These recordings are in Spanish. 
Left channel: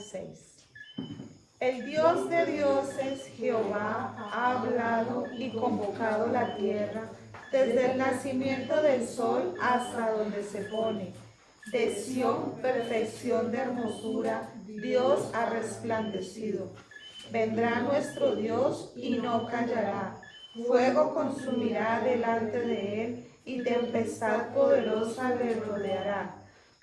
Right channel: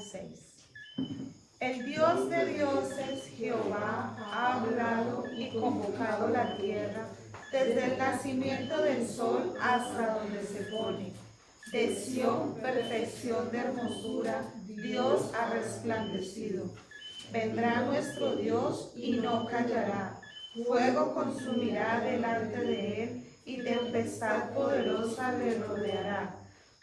al 6. El Dios de dioses, Jehová, ha hablado y convocado la tierra desde el nacimiento del sol hasta donde se pone. De Sión, perfección de hermosura, Dios ha resplandecido. Vendrá nuestro Dios y no callará. Fuego consumirá delante de él y tempestad poderosa le rodeará.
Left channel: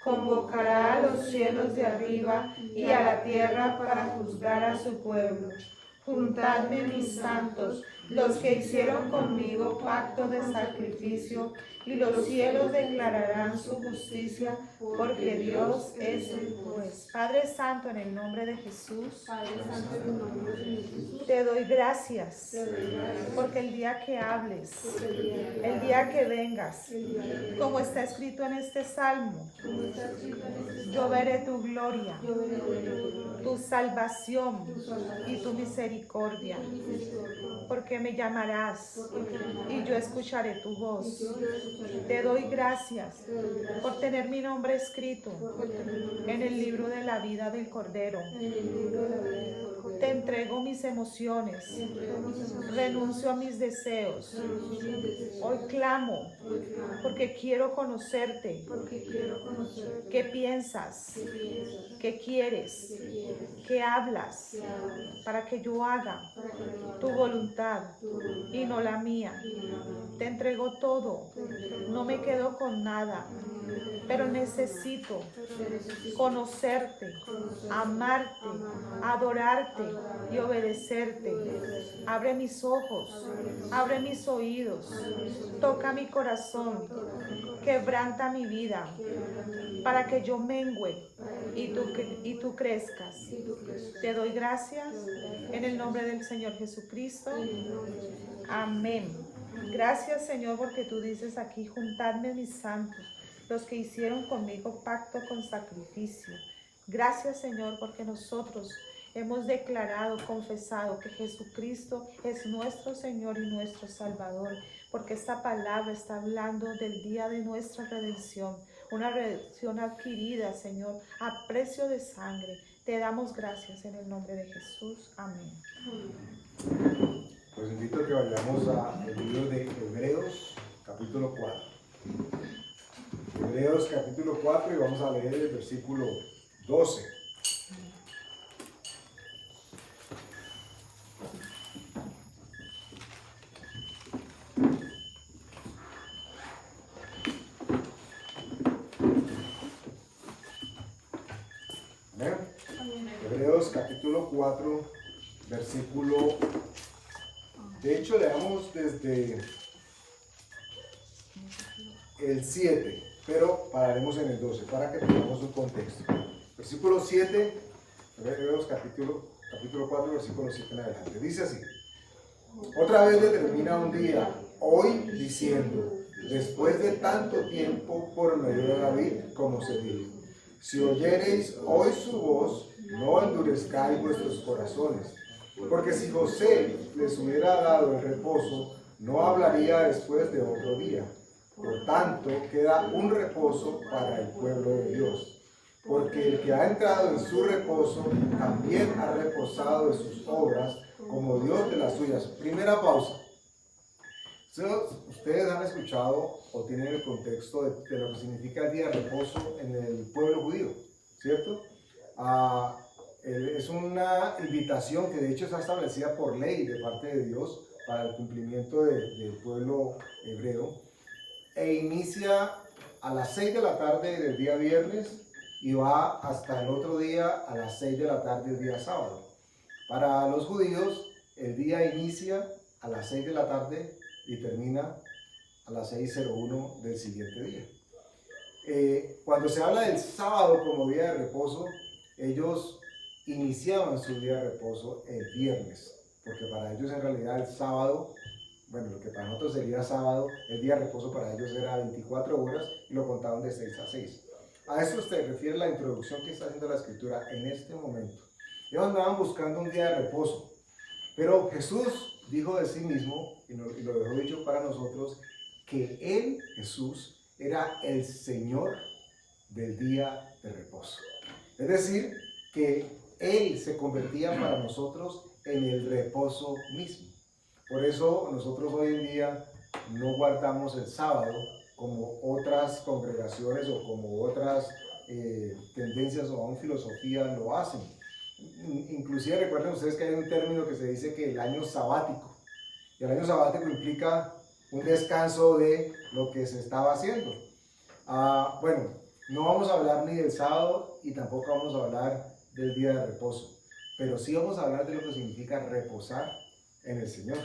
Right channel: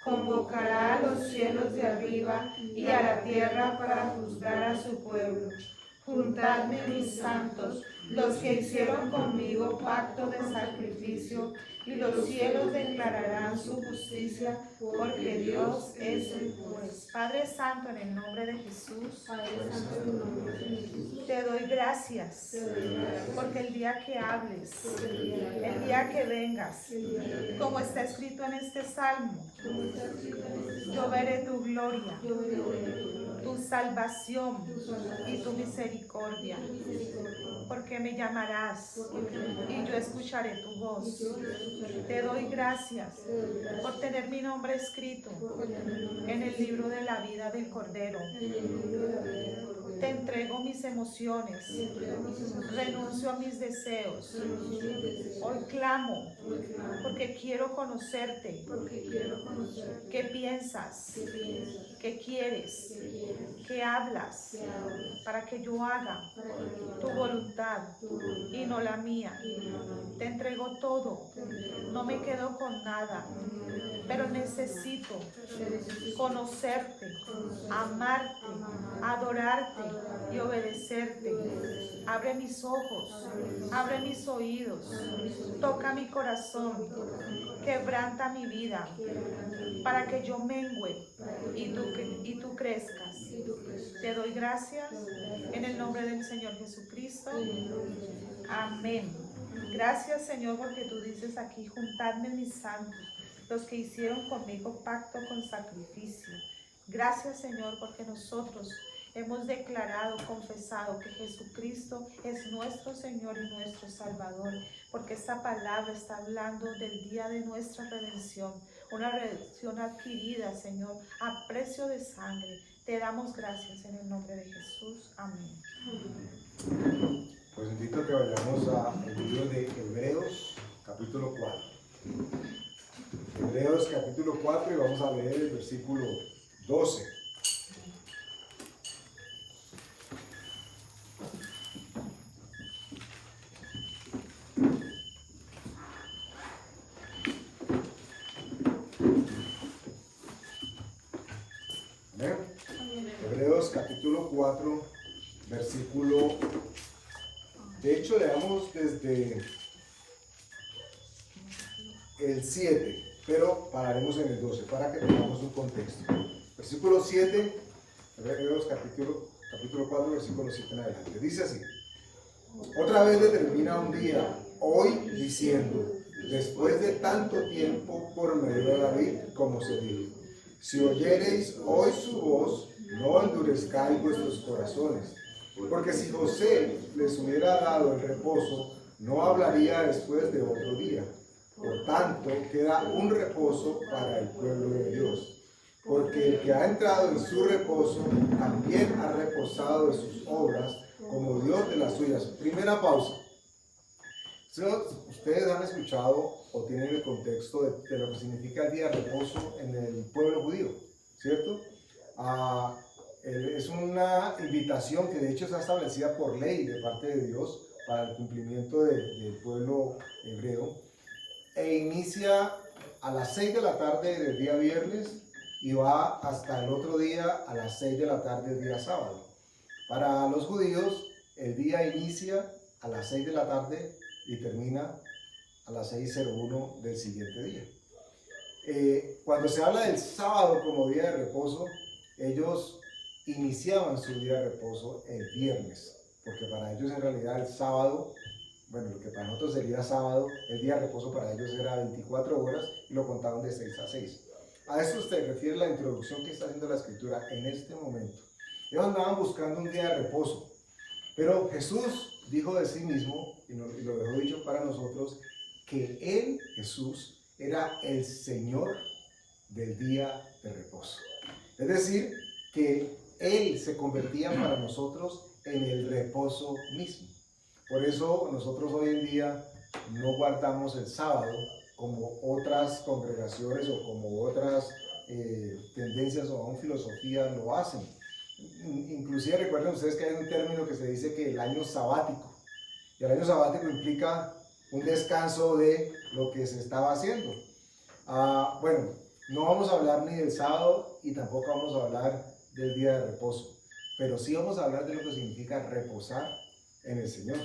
Convocará a los cielos de arriba y a la tierra para juzgar a su pueblo. Juntadme mis santos, los que hicieron conmigo pacto de sacrificio, y los cielos declararán su justicia, porque Dios es el juez. Padre Santo, en el nombre de Jesús, te doy gracias, porque el día que hables, el día que vengas, como está escrito en este salmo, yo veré tu gloria, tu salvación y tu misericordia, porque me llamarás y yo escucharé tu voz. Te doy gracias por tener mi nombre escrito en el libro de la vida del Cordero. Te entrego mis emociones, renuncio a mis deseos. Hoy clamo porque quiero conocerte. ¿Qué piensas? ¿Qué quieres? ¿Qué hablas? Para que yo haga tu voluntad y no la mía. Te entrego todo, no me quedo con nada, pero necesito conocerte, amarte, adorarte y obedecerte. Abre mis ojos, abre mis oídos, toca mi corazón, quebranta mi vida, para que yo mengüe y tú crezcas. Te doy gracias en el nombre del Señor Jesucristo. Amén. Gracias, Señor, porque tú dices aquí: juntadme mis santos, los que hicieron conmigo pacto con sacrificio. Gracias, Señor, porque nosotros hemos declarado, confesado que Jesucristo es nuestro Señor y nuestro Salvador, porque esta palabra está hablando del día de nuestra redención, una redención adquirida, Señor, a precio de sangre. Te damos gracias en el nombre de Jesús. Amén. Pues invito a que vayamos al libro de Hebreos, capítulo 4. Hebreos, capítulo 4, y vamos a leer el versículo 12. ¿Amén? Hebreos, capítulo 4, versículo... De hecho, leamos desde el 7, pero pararemos en el 12 para que tengamos un contexto. Versículo 7, Hebreos capítulo 4, versículo 7 en adelante. Dice así: otra vez determina un día, hoy, diciendo, después de tanto tiempo por medio de David, como se dijo, si oyereis hoy su voz, no endurezcáis vuestros corazones. Porque si José les hubiera dado el reposo, no hablaría después de otro día. Por tanto, queda un reposo para el pueblo de Dios. Porque el que ha entrado en su reposo, también ha reposado de sus obras, como Dios de las suyas. Primera pausa. Ustedes han escuchado o tienen el contexto de lo que significa el día de reposo en el pueblo judío, ¿cierto? Es una invitación que de hecho está establecida por ley de parte de Dios para el cumplimiento del pueblo hebreo, e inicia a las 6 de la tarde del día viernes y va hasta el otro día a las 6 de la tarde del día sábado. Para los judíos el día inicia a las 6 de la tarde y termina a las 6:01 del siguiente día. Cuando se habla del sábado como día de reposo, ellos iniciaban su día de reposo el viernes, porque para ellos en realidad el sábado, bueno, lo que para nosotros sería sábado, el día de reposo para ellos era 24 horas y lo contaban de 6 a 6. A eso se refiere la introducción que está haciendo la escritura en este momento. Ellos andaban buscando un día de reposo, pero Jesús dijo de sí mismo, y lo dejó dicho para nosotros, que Él, Jesús, era el Señor del día de reposo. Es decir, que Él se convertía para nosotros en el reposo mismo. Por eso nosotros hoy en día no guardamos el sábado como otras congregaciones o como otras tendencias o aún filosofías lo hacen. Inclusive recuerden ustedes que hay un término que se dice que el año sabático. Y el año sabático implica un descanso de lo que se estaba haciendo. Bueno, no vamos a hablar ni del sábado y tampoco vamos a hablar del día de reposo, pero sí vamos a hablar de lo que significa reposar en el Señor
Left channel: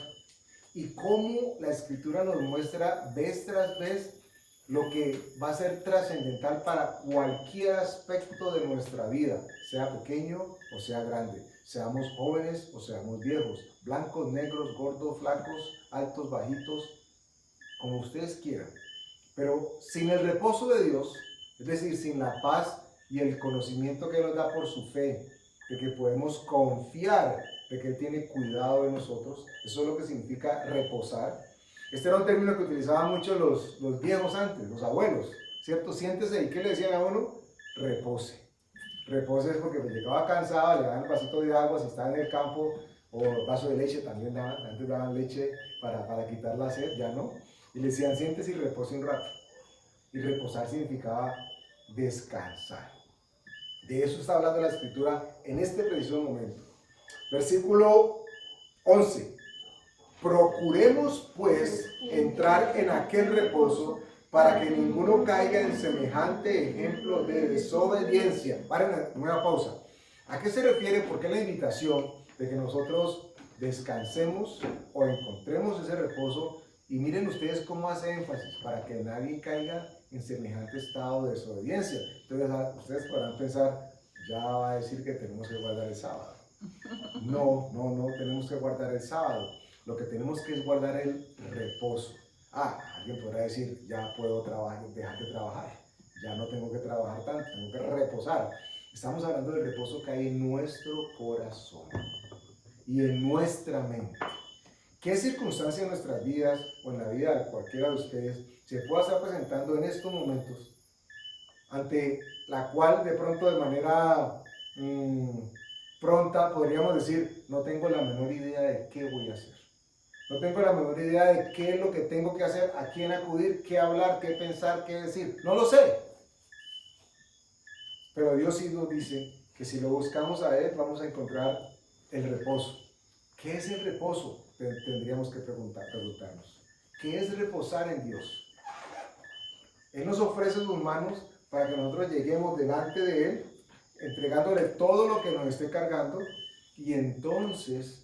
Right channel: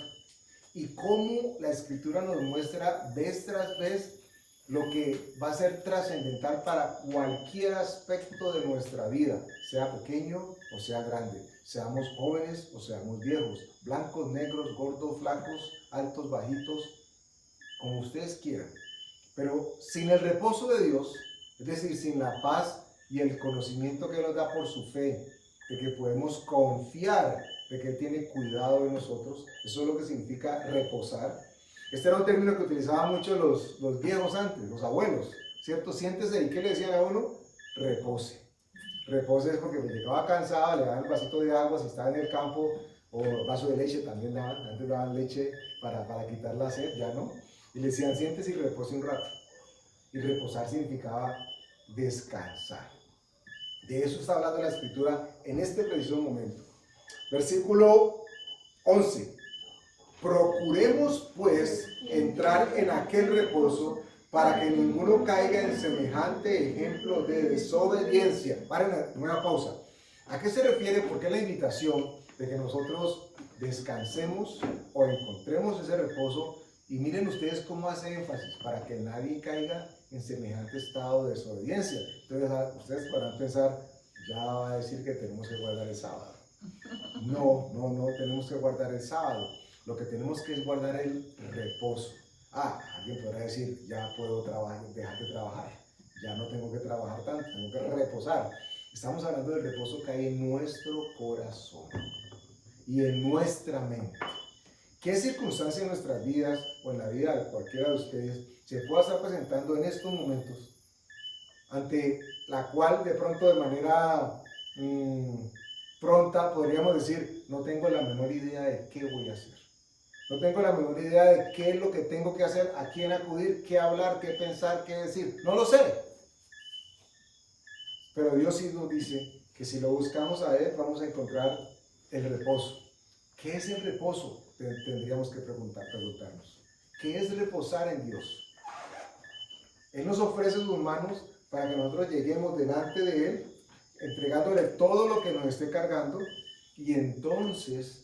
y cómo la Escritura nos muestra vez tras vez lo que va a ser trascendental para cualquier aspecto de nuestra vida, sea pequeño o sea grande, seamos jóvenes o seamos viejos, blancos, negros, gordos, flacos, altos, bajitos, como ustedes quieran. Pero sin el reposo de Dios, es decir, sin la paz y el conocimiento que nos da por su fe, de que podemos confiar de que Él tiene cuidado de nosotros, eso es lo que significa reposar. Este era un término que utilizaban mucho los viejos antes, los abuelos, ¿cierto? Siéntese, ¿y qué le decían a uno? Repose. Repose es porque llegaba cansado, le daban el vasito de agua si estaba en el campo, o el vaso de leche también daban, antes daban leche para quitar la sed, ya no. Y le decían, siéntese y repose un rato. Y reposar significaba descansar. De eso está hablando la Escritura en este preciso momento. Versículo 11. Procuremos pues entrar en aquel reposo para que ninguno caiga en semejante ejemplo de desobediencia. Paren, una pausa. ¿A qué se refiere? ¿Por qué la invitación de que nosotros descansemos o encontremos ese reposo? Y miren ustedes cómo hace énfasis, para que nadie caiga en semejante estado de desobediencia. Entonces ustedes podrán pensar, ya va a decir que tenemos que guardar el sábado. No tenemos que guardar el sábado. Lo que tenemos que es guardar el reposo. Alguien podrá decir, ya puedo dejar de trabajar. Ya no tengo que trabajar tanto, tengo que reposar. Estamos hablando del reposo que hay en nuestro corazón y en nuestra mente. ¿Qué circunstancia en nuestras vidas o en la vida de cualquiera de ustedes se pueda estar presentando en estos momentos, ante la cual de pronto de manera pronta podríamos decir, no tengo la menor idea de qué voy a hacer? No tengo la menor idea de qué es lo que tengo que hacer, a quién acudir, qué hablar, qué pensar, qué decir. No lo sé. Pero Dios sí nos dice que si lo buscamos a Él, vamos a encontrar el reposo. ¿Qué es el reposo? Tendríamos que preguntarnos. ¿Qué es reposar en Dios? Él nos ofrece sus manos para que nosotros lleguemos delante de Él, entregándole todo lo que nos esté cargando, y entonces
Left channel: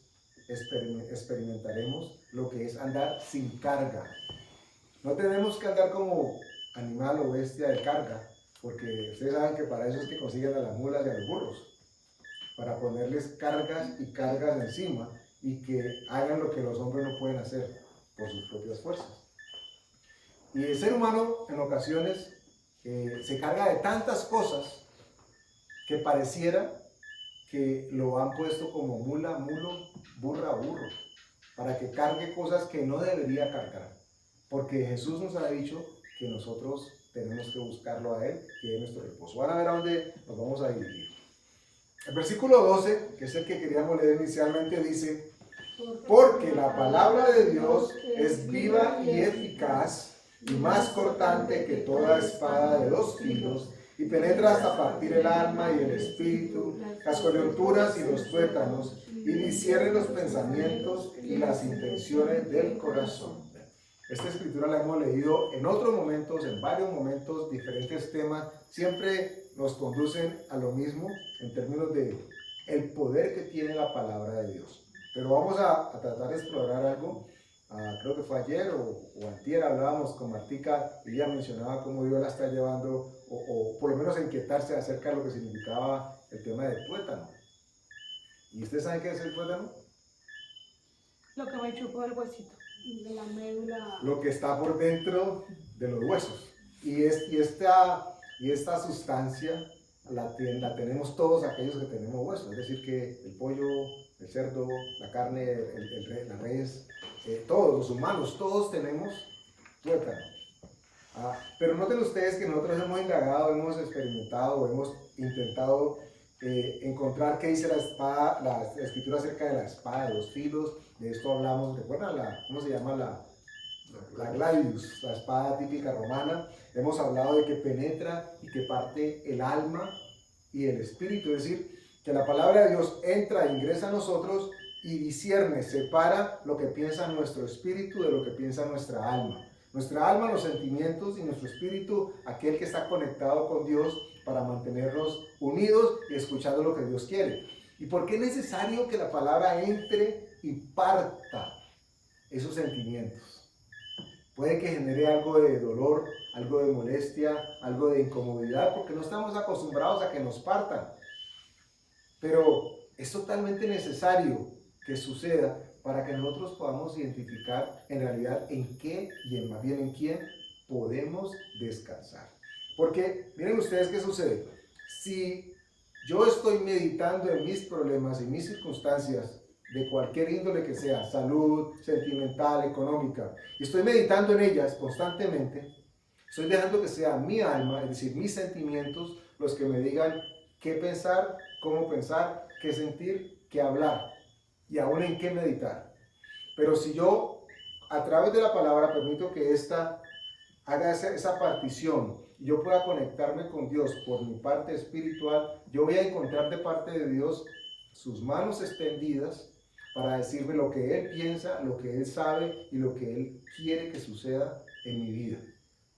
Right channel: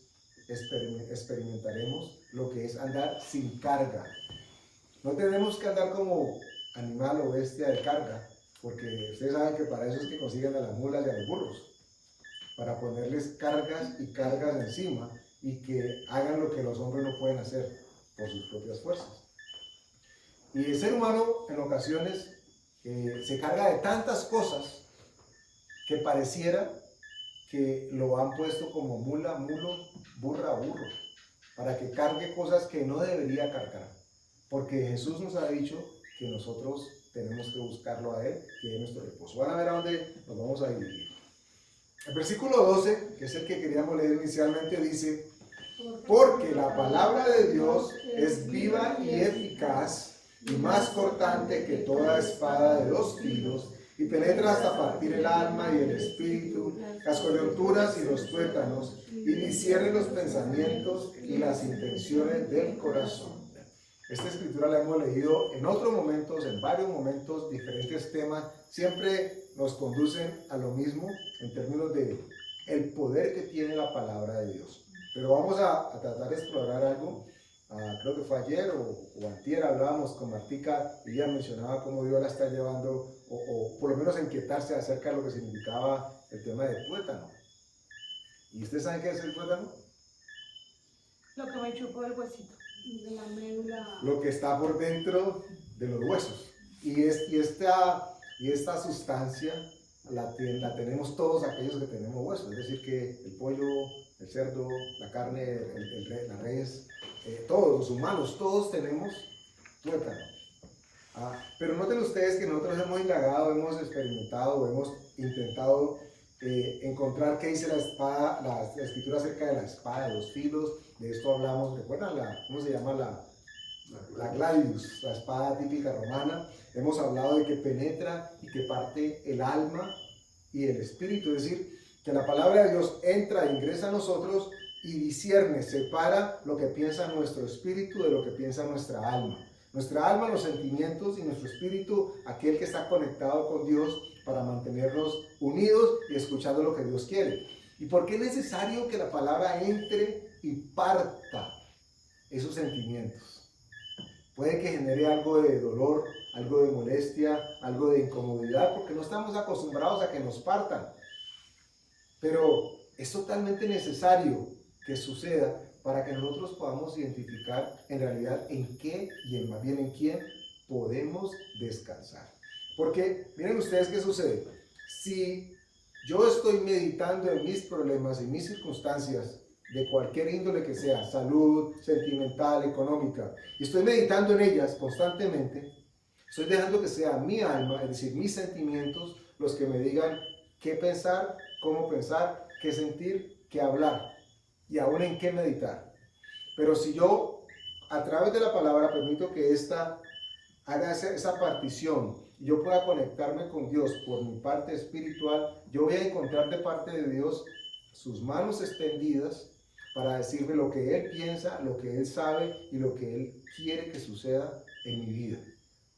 experimentaremos lo que es andar sin carga. No tenemos que andar como animal o bestia de carga, porque ustedes saben que para eso es que consiguen a las mulas y a los burros, para ponerles cargas y cargas encima y que hagan lo que los hombres no pueden hacer por sus propias fuerzas. Y el ser humano en ocasiones se carga de tantas cosas que pareciera que lo han puesto como mula, mulo, burra, burro, para que cargue cosas que no debería cargar, porque Jesús nos ha dicho que nosotros tenemos que buscarlo a Él, que es nuestro reposo. Van a ver a dónde nos vamos a dirigir. El versículo 12, que es el que queríamos leer inicialmente, dice, porque la palabra de Dios es viva y eficaz y más cortante que toda espada de 2 filos, y penetra hasta partir el alma y el espíritu, las coyunturas y los tuétanos, y discierne los pensamientos y las intenciones del corazón. Esta escritura la hemos leído en otros momentos, en varios momentos, diferentes temas, siempre nos conducen a lo mismo en términos de el poder que tiene la palabra de Dios. Pero vamos a tratar de explorar algo. Creo que fue ayer o antier hablábamos con Martica y ella mencionaba cómo Dios la está llevando, o por lo menos inquietarse acerca de lo que significaba el tema del tuétano. ¿Y ustedes saben qué es el tuétano? Lo que me chupó el huesito. De la médula. Lo que está por dentro de los huesos. Y esta sustancia la tenemos todos aquellos que tenemos huesos. Es decir, que el pollo, el cerdo, la carne, la res, todos los humanos, todos tenemos tuétano. Pero noten ustedes que nosotros hemos indagado, hemos experimentado, hemos intentado encontrar qué dice la espada, la escritura acerca de la espada de dos filos. De esto hablamos, ¿recuerdan cómo se llama la gladius, la espada típica romana? Hemos hablado de que penetra y que parte el alma y el espíritu, es decir, que la palabra de Dios entra e ingresa a nosotros y discierne, separa lo que piensa nuestro espíritu de lo que piensa nuestra alma. Nuestra alma, los sentimientos, y nuestro espíritu, aquel que está conectado con Dios para mantenernos unidos y escuchando lo que Dios quiere. ¿Y por qué es necesario que la palabra entre y parta esos sentimientos? Puede que genere algo de dolor, algo de molestia, algo de incomodidad, porque no estamos acostumbrados a que nos partan. Pero es totalmente necesario que suceda para que nosotros podamos identificar en realidad en qué y más bien en quién podemos descansar. Porque miren ustedes qué sucede. Si yo estoy meditando en mis problemas, en mis circunstancias, de cualquier índole que sea, salud, sentimental, económica, y estoy meditando en ellas constantemente, estoy dejando que sea mi alma, es decir, mis sentimientos, los que me digan qué pensar, cómo pensar, qué sentir, qué hablar y aún en qué meditar. Pero si yo a través de la palabra permito que ésta haga esa partición y yo pueda conectarme con Dios por mi parte espiritual, yo voy a encontrar de parte de Dios sus manos extendidas para decirme lo que Él piensa, lo que Él sabe y lo que Él quiere que suceda en mi vida.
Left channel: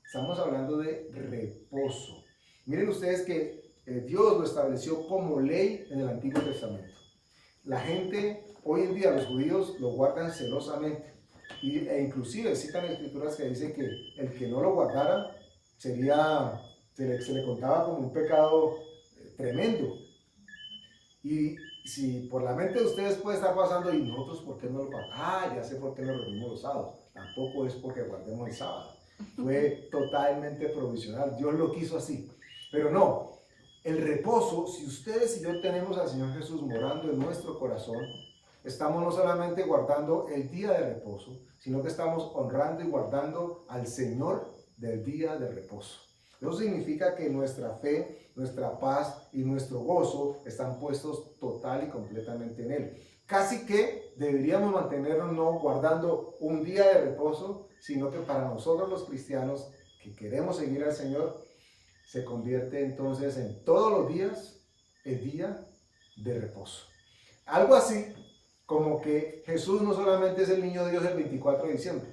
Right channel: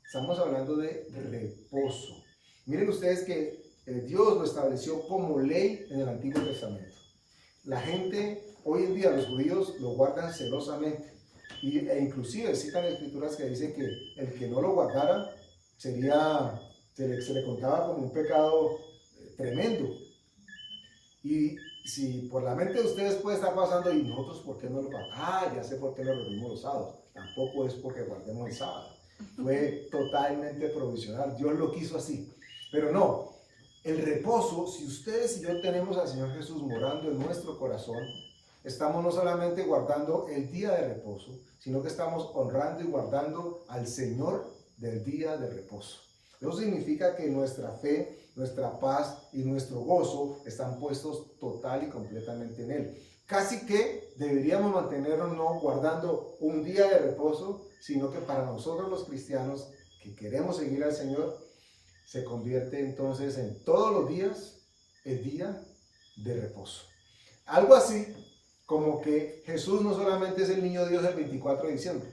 Estamos hablando de reposo. Miren ustedes que Dios lo estableció como ley en el Antiguo Testamento. La gente, hoy en día los judíos lo guardan celosamente e inclusive citan escrituras que dicen que el que no lo guardara se le contaba como un pecado tremendo. Y si por la mente de ustedes puede estar pasando, ¿y nosotros por qué no lo guardamos? Ah, ya sé por qué nos reunimos los sábados. Tampoco es porque guardemos el sábado. Fue totalmente provisional. Dios lo quiso así. Pero no, el reposo, si ustedes y yo tenemos al Señor Jesús morando en nuestro corazón, estamos no solamente guardando el día de reposo, sino que estamos honrando y guardando al Señor del día de reposo. Eso significa que nuestra fe, nuestra paz y nuestro gozo están puestos total y completamente en Él. Casi que deberíamos mantenernos no guardando un día de reposo, sino que para nosotros los cristianos que queremos seguir al Señor, se convierte entonces en todos los días el día de reposo. Algo así como que Jesús no solamente es el niño Dios el 24 de diciembre.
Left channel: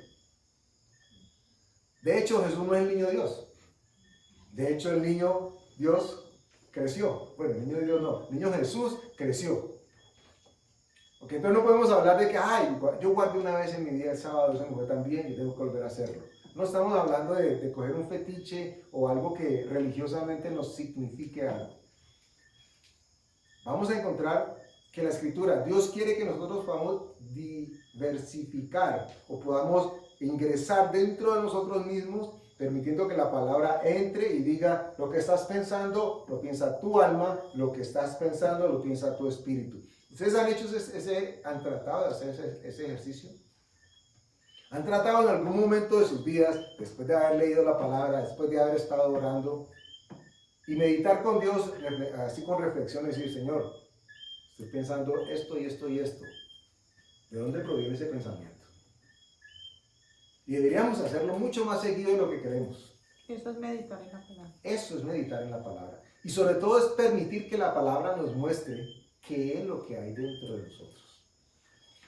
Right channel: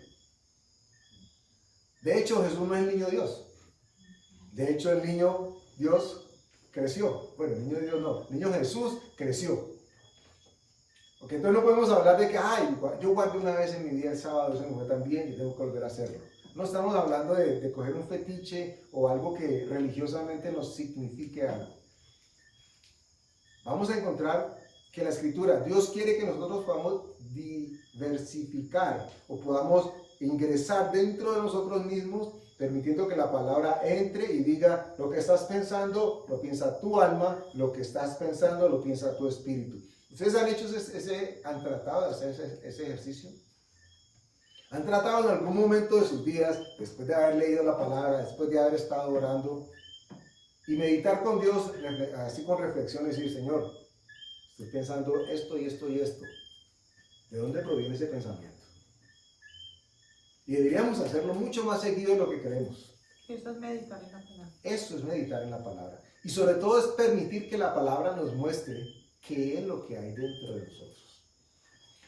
De hecho, Jesús no es el niño Dios. De hecho, el niño Dios creció. Bueno, el niño Dios no, el niño Jesús creció. Ok, entonces no podemos hablar de que, ay, yo guardé una vez en mi día el sábado, eso me fue tan bien, yo tengo que volver a hacerlo. No estamos hablando de coger un fetiche o algo que religiosamente nos signifique algo. Vamos a encontrar que la Escritura, Dios quiere que nosotros podamos diversificar o podamos ingresar dentro de nosotros mismos, permitiendo que la palabra entre y diga lo que estás pensando, lo piensa tu alma, lo que estás pensando, lo piensa tu espíritu. ¿Ustedes han tratado de hacer ese ejercicio? ¿Han tratado en algún momento de sus vidas, después de haber leído la palabra, después de haber estado orando, y meditar con Dios, así con reflexión, y decir, Señor, estoy pensando esto y esto y esto? ¿De dónde proviene ese pensamiento? Y deberíamos hacerlo mucho más seguido de lo que queremos. Eso es meditar en la palabra. Eso es meditar en la palabra. Y sobre todo es permitir que la palabra nos muestre qué es lo que hay dentro de nosotros.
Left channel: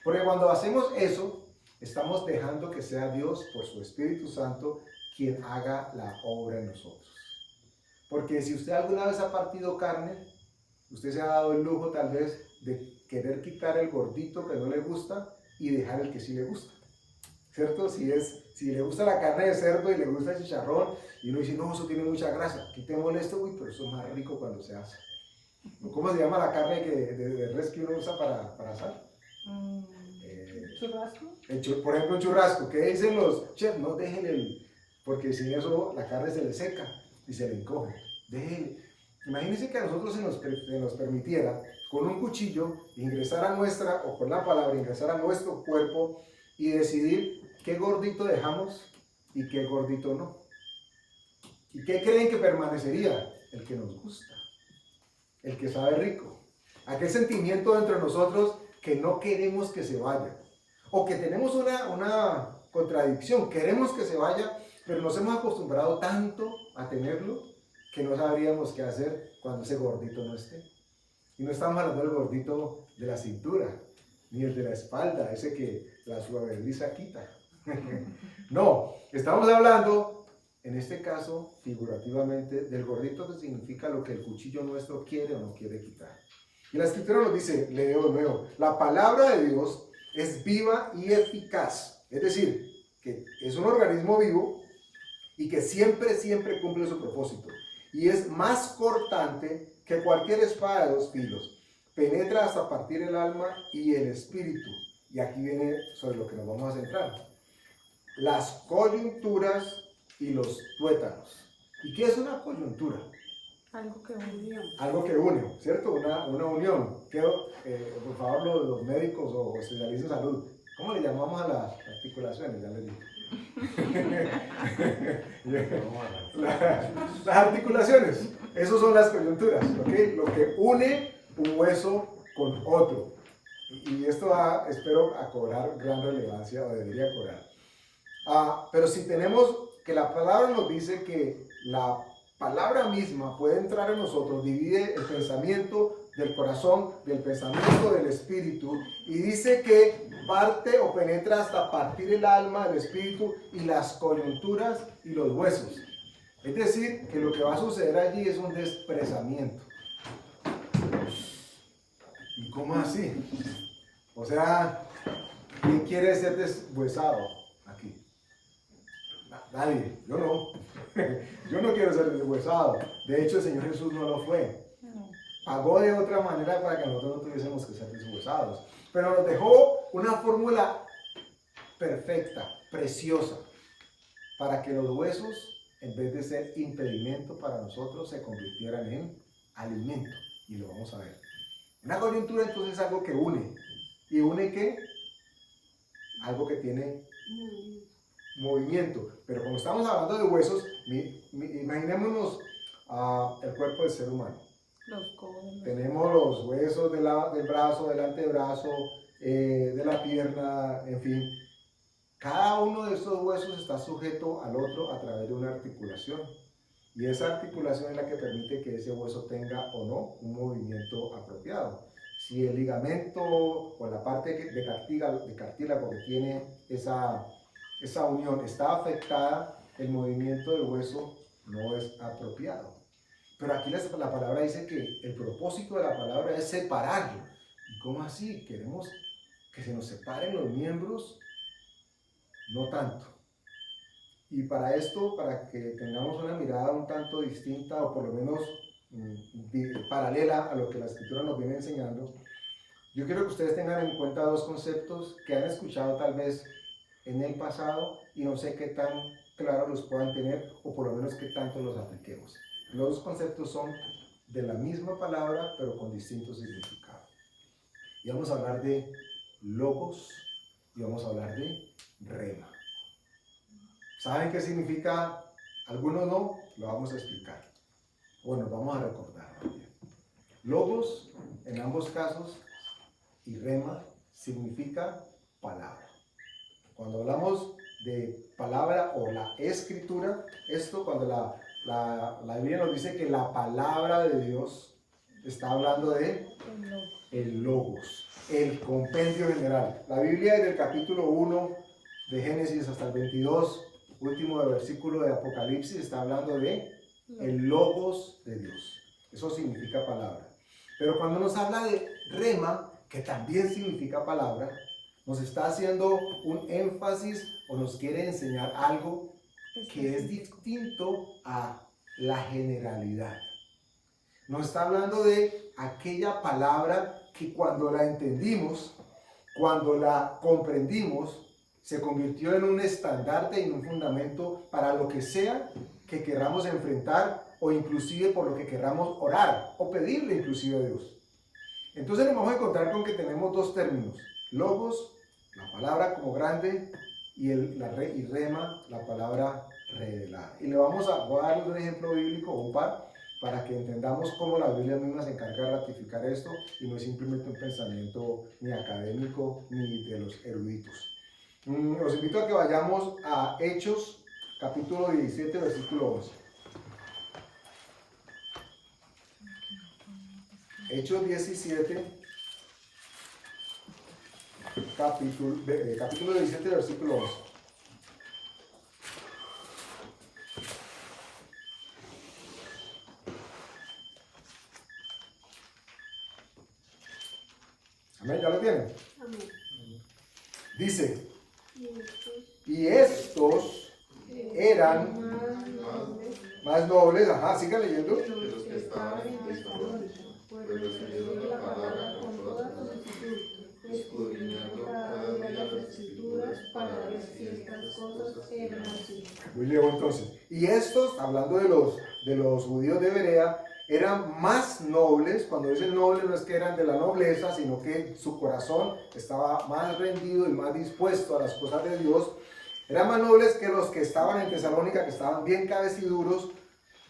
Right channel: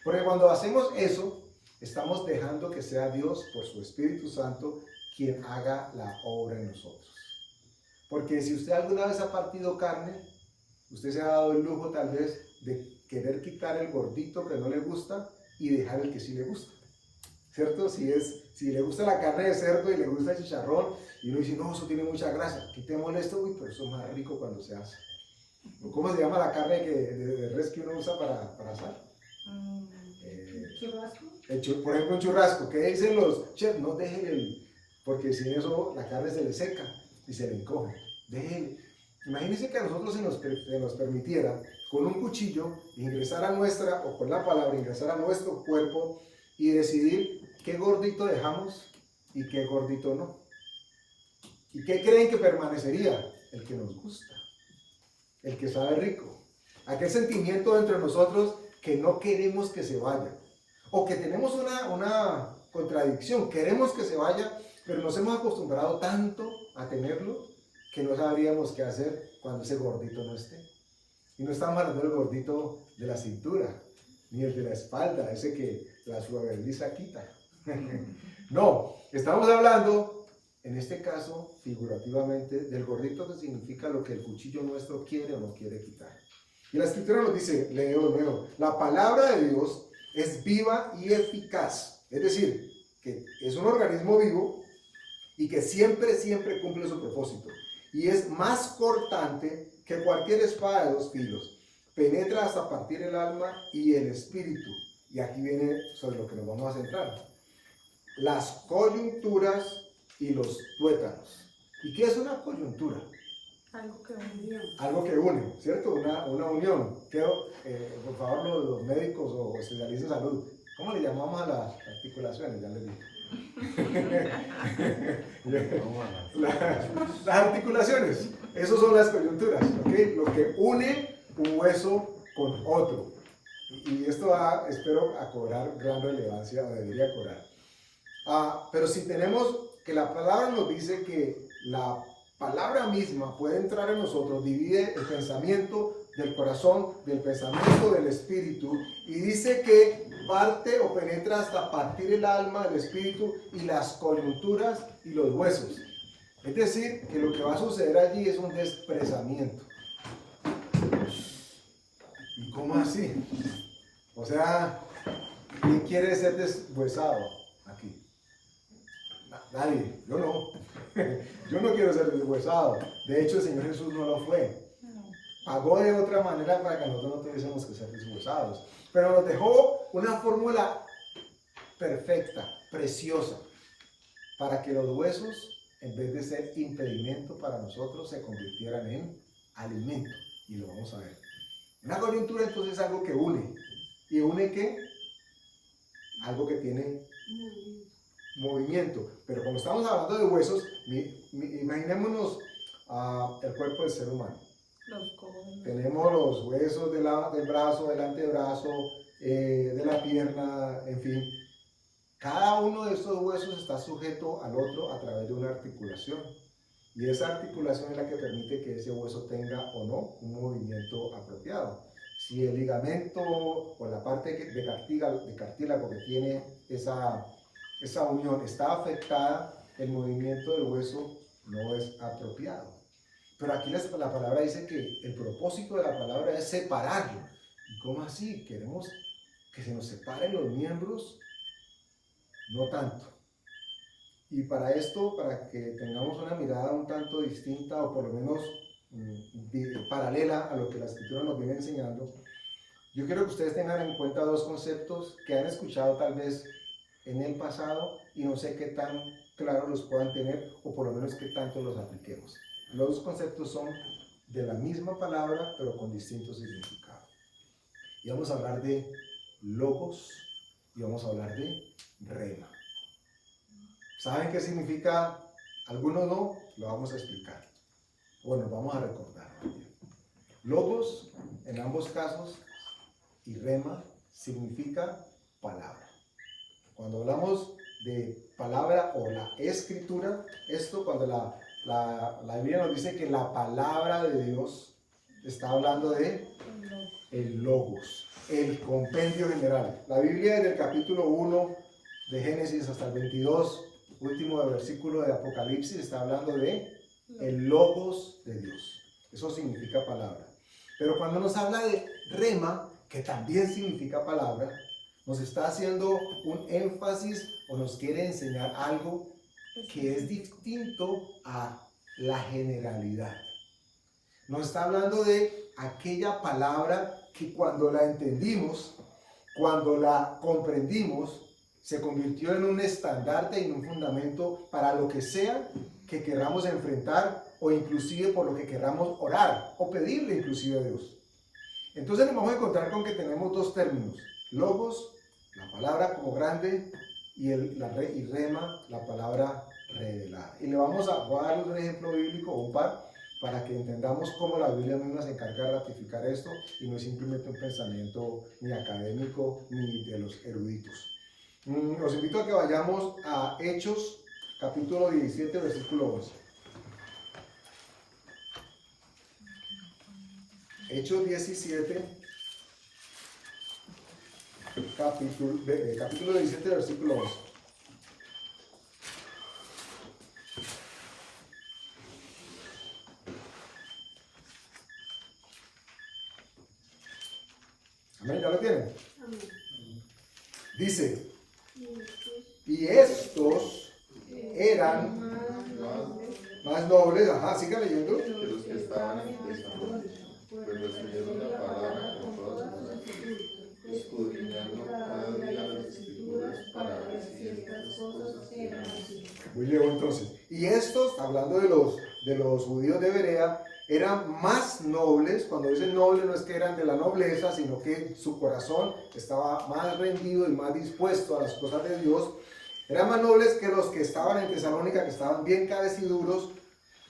Porque cuando hacemos eso, estamos dejando que sea Dios, por su Espíritu Santo, quien haga la obra en nosotros. Porque si usted alguna vez ha partido carne, usted se ha dado el lujo tal vez de querer quitar el gordito que no le gusta y dejar el que sí le gusta. ¿Cierto? Si le gusta la carne de cerdo y le gusta el chicharrón, y uno dice, no, eso tiene mucha grasa, quitémosle esto, uy, pero eso es más rico cuando se hace. ¿Cómo se llama la carne de res que uno usa para asar? ¿Churrasco? Por ejemplo, un churrasco. ¿Qué dicen los chefs? No dejen porque sin eso la carne se le seca y se le encoge. Imagínense que a nosotros se nos permitiera con un cuchillo ingresar a nuestra, o con la palabra ingresar a nuestro cuerpo y decidir qué gordito dejamos y qué gordito no. ¿Y qué creen que permanecería? El que nos gusta. el que sabe rico. Aquel sentimiento dentro de nosotros que no queremos que se vaya. O que tenemos una contradicción, queremos que se vaya, pero nos hemos acostumbrado tanto a tenerlo que no sabríamos qué hacer cuando ese gordito no esté. Y no estamos hablando del gordito de la cintura, ni el de la espalda, ese que la suaviza quita. No, estamos hablando, en este caso, figurativamente, del gordito que significa lo que el cuchillo nuestro quiere o no quiere quitar. Y la escritura nos dice, leo de nuevo, la palabra de Dios es viva y eficaz. Es decir, que es un organismo vivo y que siempre cumple su propósito. Y es más cortante que cualquier espada de dos filos. Penetra hasta partir el alma y el espíritu. Y aquí viene sobre lo que nos vamos a centrar. Las coyunturas y los tuétanos. ¿Y qué es una coyuntura? Algo que unió. Algo que une, ¿cierto? Una unión. Quiero, por favor, los médicos o especialistas en salud, ¿cómo le llamamos a las articulaciones? Ya les digo. Las articulaciones, esas son las coyunturas, ¿ok? Lo que une un hueso con otro. Y esto va, espero, a cobrar gran relevancia, o debería cobrar. Pero si tenemos que la palabra nos dice que la palabra misma puede entrar en nosotros, divide el pensamiento del corazón, del pensamiento del espíritu, y dice que parte o penetra hasta partir el alma, el espíritu y las coyunturas y los huesos. Es decir, que lo que va a suceder allí es un desprezamiento. ¿Y cómo así? O sea, ¿quién quiere ser deshuesado aquí? Nadie, yo no. Yo no quiero ser deshuesado. De hecho, el Señor Jesús no lo fue. Pagó de otra manera para que nosotros no tuviésemos que ser deshuesados. Pero nos dejó una fórmula perfecta, preciosa, para que los huesos, en vez de ser impedimento para nosotros, se convirtieran en alimento. Y lo vamos a ver. Una coyuntura entonces es algo que une. ¿Y une qué? Algo que tiene movimiento. Pero como estamos hablando de huesos, imaginémonos el cuerpo del ser humano. Tenemos los huesos del brazo, del antebrazo, de la pierna, en fin. Cada uno de estos huesos está sujeto al otro a través de una articulación. Y esa articulación es la que permite que ese hueso tenga o no un movimiento apropiado. Si el ligamento o la parte de cartílago que tiene esa unión está afectada, el movimiento del hueso no es apropiado. Pero aquí la palabra dice que el propósito de la palabra es separarlo. ¿Y cómo así? ¿Queremos que se nos separen los miembros? No tanto. Y para esto, para que tengamos una mirada un tanto distinta o por lo menos paralela a lo que la Escritura nos viene enseñando, yo quiero que ustedes tengan en cuenta dos conceptos que han escuchado tal vez en el pasado y no sé qué tan claro los puedan tener o por lo menos qué tanto los apliquemos. Los dos conceptos son de la misma palabra pero con distintos significados. Y vamos a hablar de logos y vamos a hablar de rema. ¿Saben qué significa? Algunos no, lo vamos a explicar. Bueno, vamos a recordar. Logos, en ambos casos, y rema, significa palabra. Cuando hablamos de palabra o la escritura, esto cuando la Biblia nos dice que la palabra de Dios está hablando de el logos, el compendio general. La Biblia desde el capítulo 1 de Génesis hasta el 22, último versículo de Apocalipsis, está hablando de el logos de Dios. Eso significa palabra. Pero cuando nos habla de rema, que también significa palabra, nos está haciendo un énfasis o nos quiere enseñar algo que es distinto a la generalidad. Nos está hablando de aquella palabra que cuando la entendimos, cuando la comprendimos, se convirtió en un estandarte y en un fundamento para lo que sea que queramos enfrentar o inclusive por lo que queramos orar o pedirle inclusive a Dios. Entonces nos vamos a encontrar con que tenemos dos términos: logos, la palabra como grande, y rema, la palabra revelada. Y voy a darles un ejemplo bíblico, un par, para que entendamos cómo la Biblia misma se encarga de ratificar esto y no es simplemente un pensamiento ni académico ni de los eruditos. Os invito a que vayamos a Hechos, capítulo 17, versículo 11. Hechos 17, capítulo 17, versículo 11. Amén, ¿ya lo tienen? Amén. Dice, Y y estos eran más nobles, ajá, sigan leyendo. que los que estaban en Tesalónica, pues recibieron la palabra con toda solicitud, escudriñando cada día las escrituras para ver si estas cosas eran así. Muy bien, entonces. Y estos, hablando de los judíos de Berea, eran más nobles. Cuando dicen nobles no es que eran de la nobleza, sino que su corazón estaba más rendido y más dispuesto a las cosas de Dios. Eran más nobles que los que estaban en Tesalónica, que estaban bien cabeciduros,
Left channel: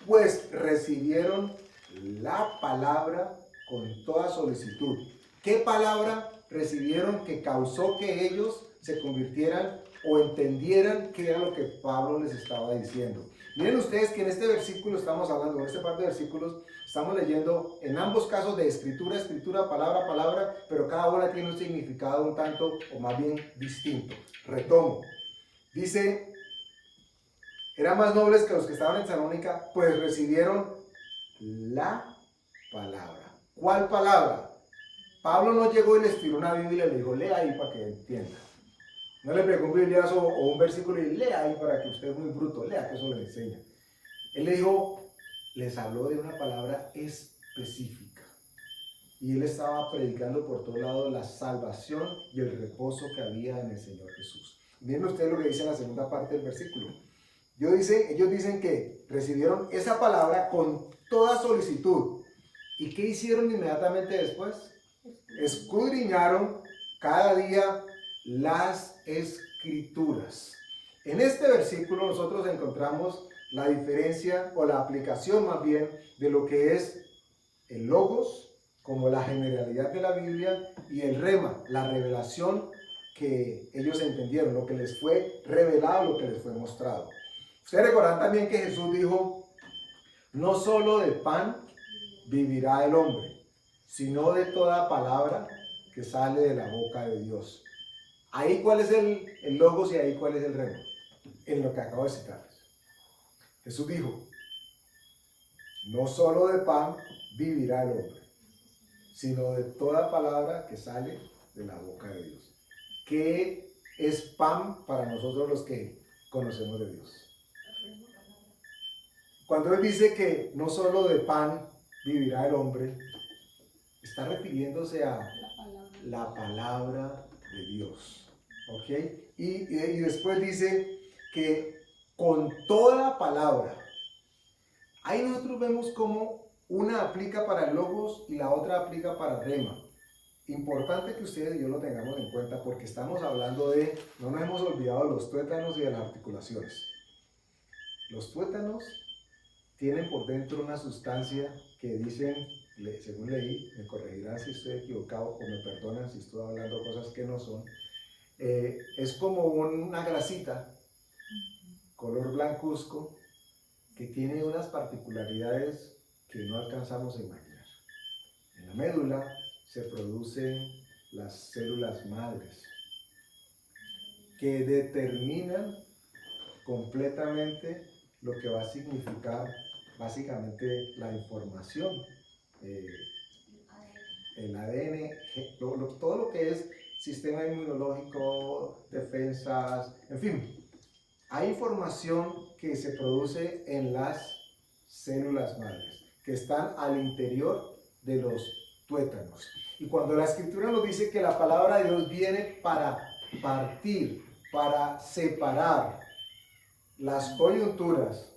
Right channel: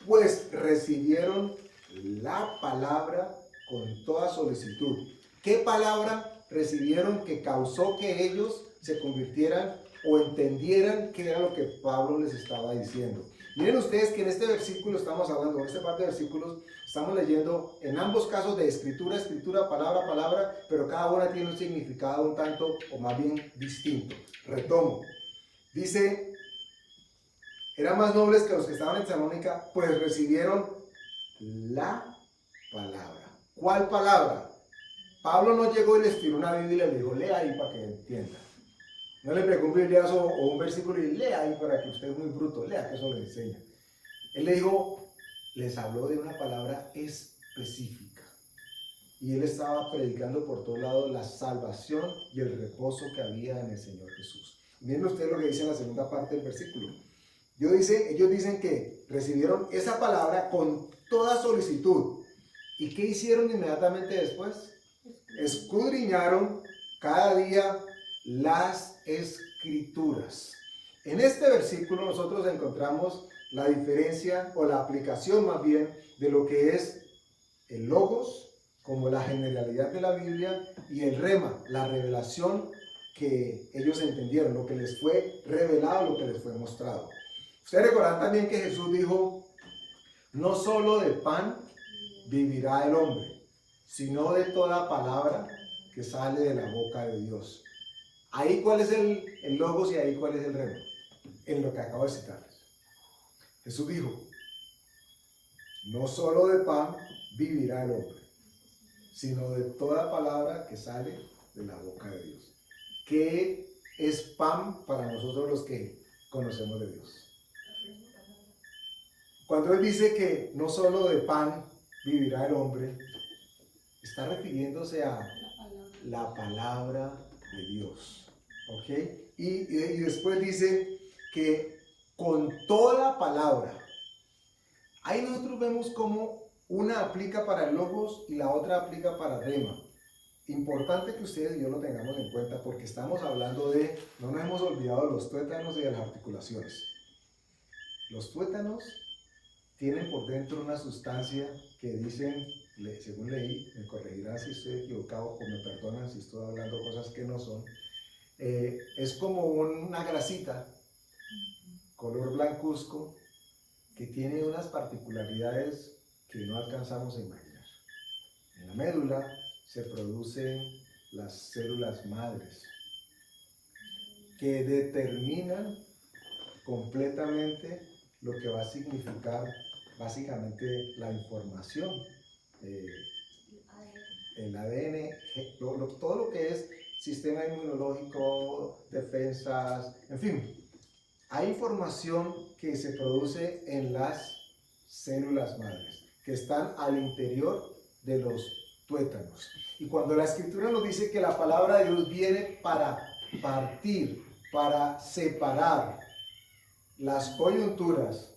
pues recibieron la palabra con toda solicitud. ¿Qué palabra recibieron que causó que ellos se convirtieran o entendieran qué era lo que Pablo les estaba diciendo? Miren ustedes que en este versículo estamos hablando, en esta parte de versículos, estamos leyendo en ambos casos de escritura, escritura, palabra, palabra, pero cada una tiene un significado un tanto o más bien distinto. Retomo. Dice, eran más nobles que los que estaban en Tesalónica, pues recibieron la palabra. ¿Cuál palabra? Pablo no llegó y les tiró una Biblia y le dijo, lea ahí para que entienda. No le pegó un bibliazo o un versículo y lea ahí para que usted es muy bruto, lea que eso le enseña. Él le dijo, les habló de una palabra específica. Y él estaba predicando por todos lados la salvación y el reposo que había en el Señor Jesús. Miren ustedes lo que dice en la segunda parte del versículo. Ellos dicen que recibieron esa palabra con toda solicitud. ¿Y qué hicieron inmediatamente después? Escudriñaron cada día las escrituras. En este versículo nosotros encontramos la diferencia o la aplicación más bien de lo que es el logos como la generalidad de la Biblia y el rema, la revelación que ellos entendieron, lo que les fue revelado, lo que les fue mostrado. Ustedes recordarán también que Jesús dijo, no solo de pan vivirá el hombre, sino de toda palabra que sale de la boca de Dios. Ahí cuál es el logos y ahí cuál es el rema, en lo que acabo de citarles. Jesús dijo, no solo de pan vivirá el hombre, sino de toda palabra que sale de la boca de Dios. ¿Qué es pan para nosotros los que conocemos de Dios? Cuando Él dice que no solo de pan vivirá el hombre, está refiriéndose a la palabra de Dios. ¿Ok? Y después dice que con toda palabra. Ahí nosotros vemos cómo una aplica para el logos y la otra aplica para el rema. Importante que ustedes y yo lo tengamos en cuenta porque estamos hablando de, no nos hemos olvidado de los tuétanos y de las articulaciones. Los tuétanos tienen por dentro una sustancia que dicen, según leí, me corregirán si estoy equivocado o me perdonan si estoy hablando cosas que no son, es como una grasita, color blancuzco, que tiene unas particularidades que no alcanzamos a imaginar. En la médula se producen las células madres, que determinan completamente lo que va a significar básicamente la información, el ADN, todo lo que es sistema inmunológico, defensas, en fin. Hay información que se produce en las células madres, que están al interior de los tuétanos. Y cuando la Escritura nos dice que la palabra de Dios viene para partir, para separar las coyunturas,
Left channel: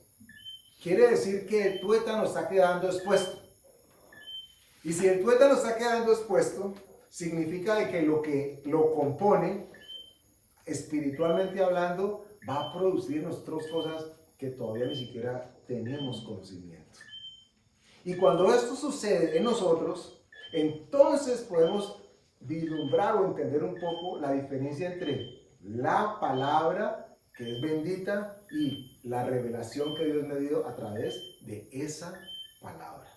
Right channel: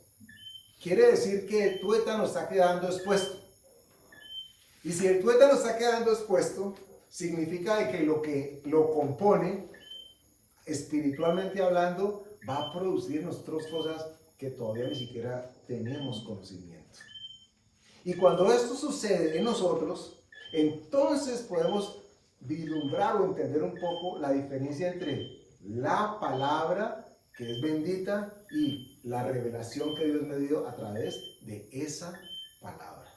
quiere decir que el tuétano está quedando expuesto. Y si el tuétano está quedando expuesto, significa de que lo compone, espiritualmente hablando, va a producir en nosotros cosas que todavía ni siquiera tenemos conocimiento. Y cuando esto sucede en nosotros, entonces podemos vislumbrar o entender un poco la diferencia entre la palabra, que es bendita, y la revelación que Dios me dio a través de esa palabra.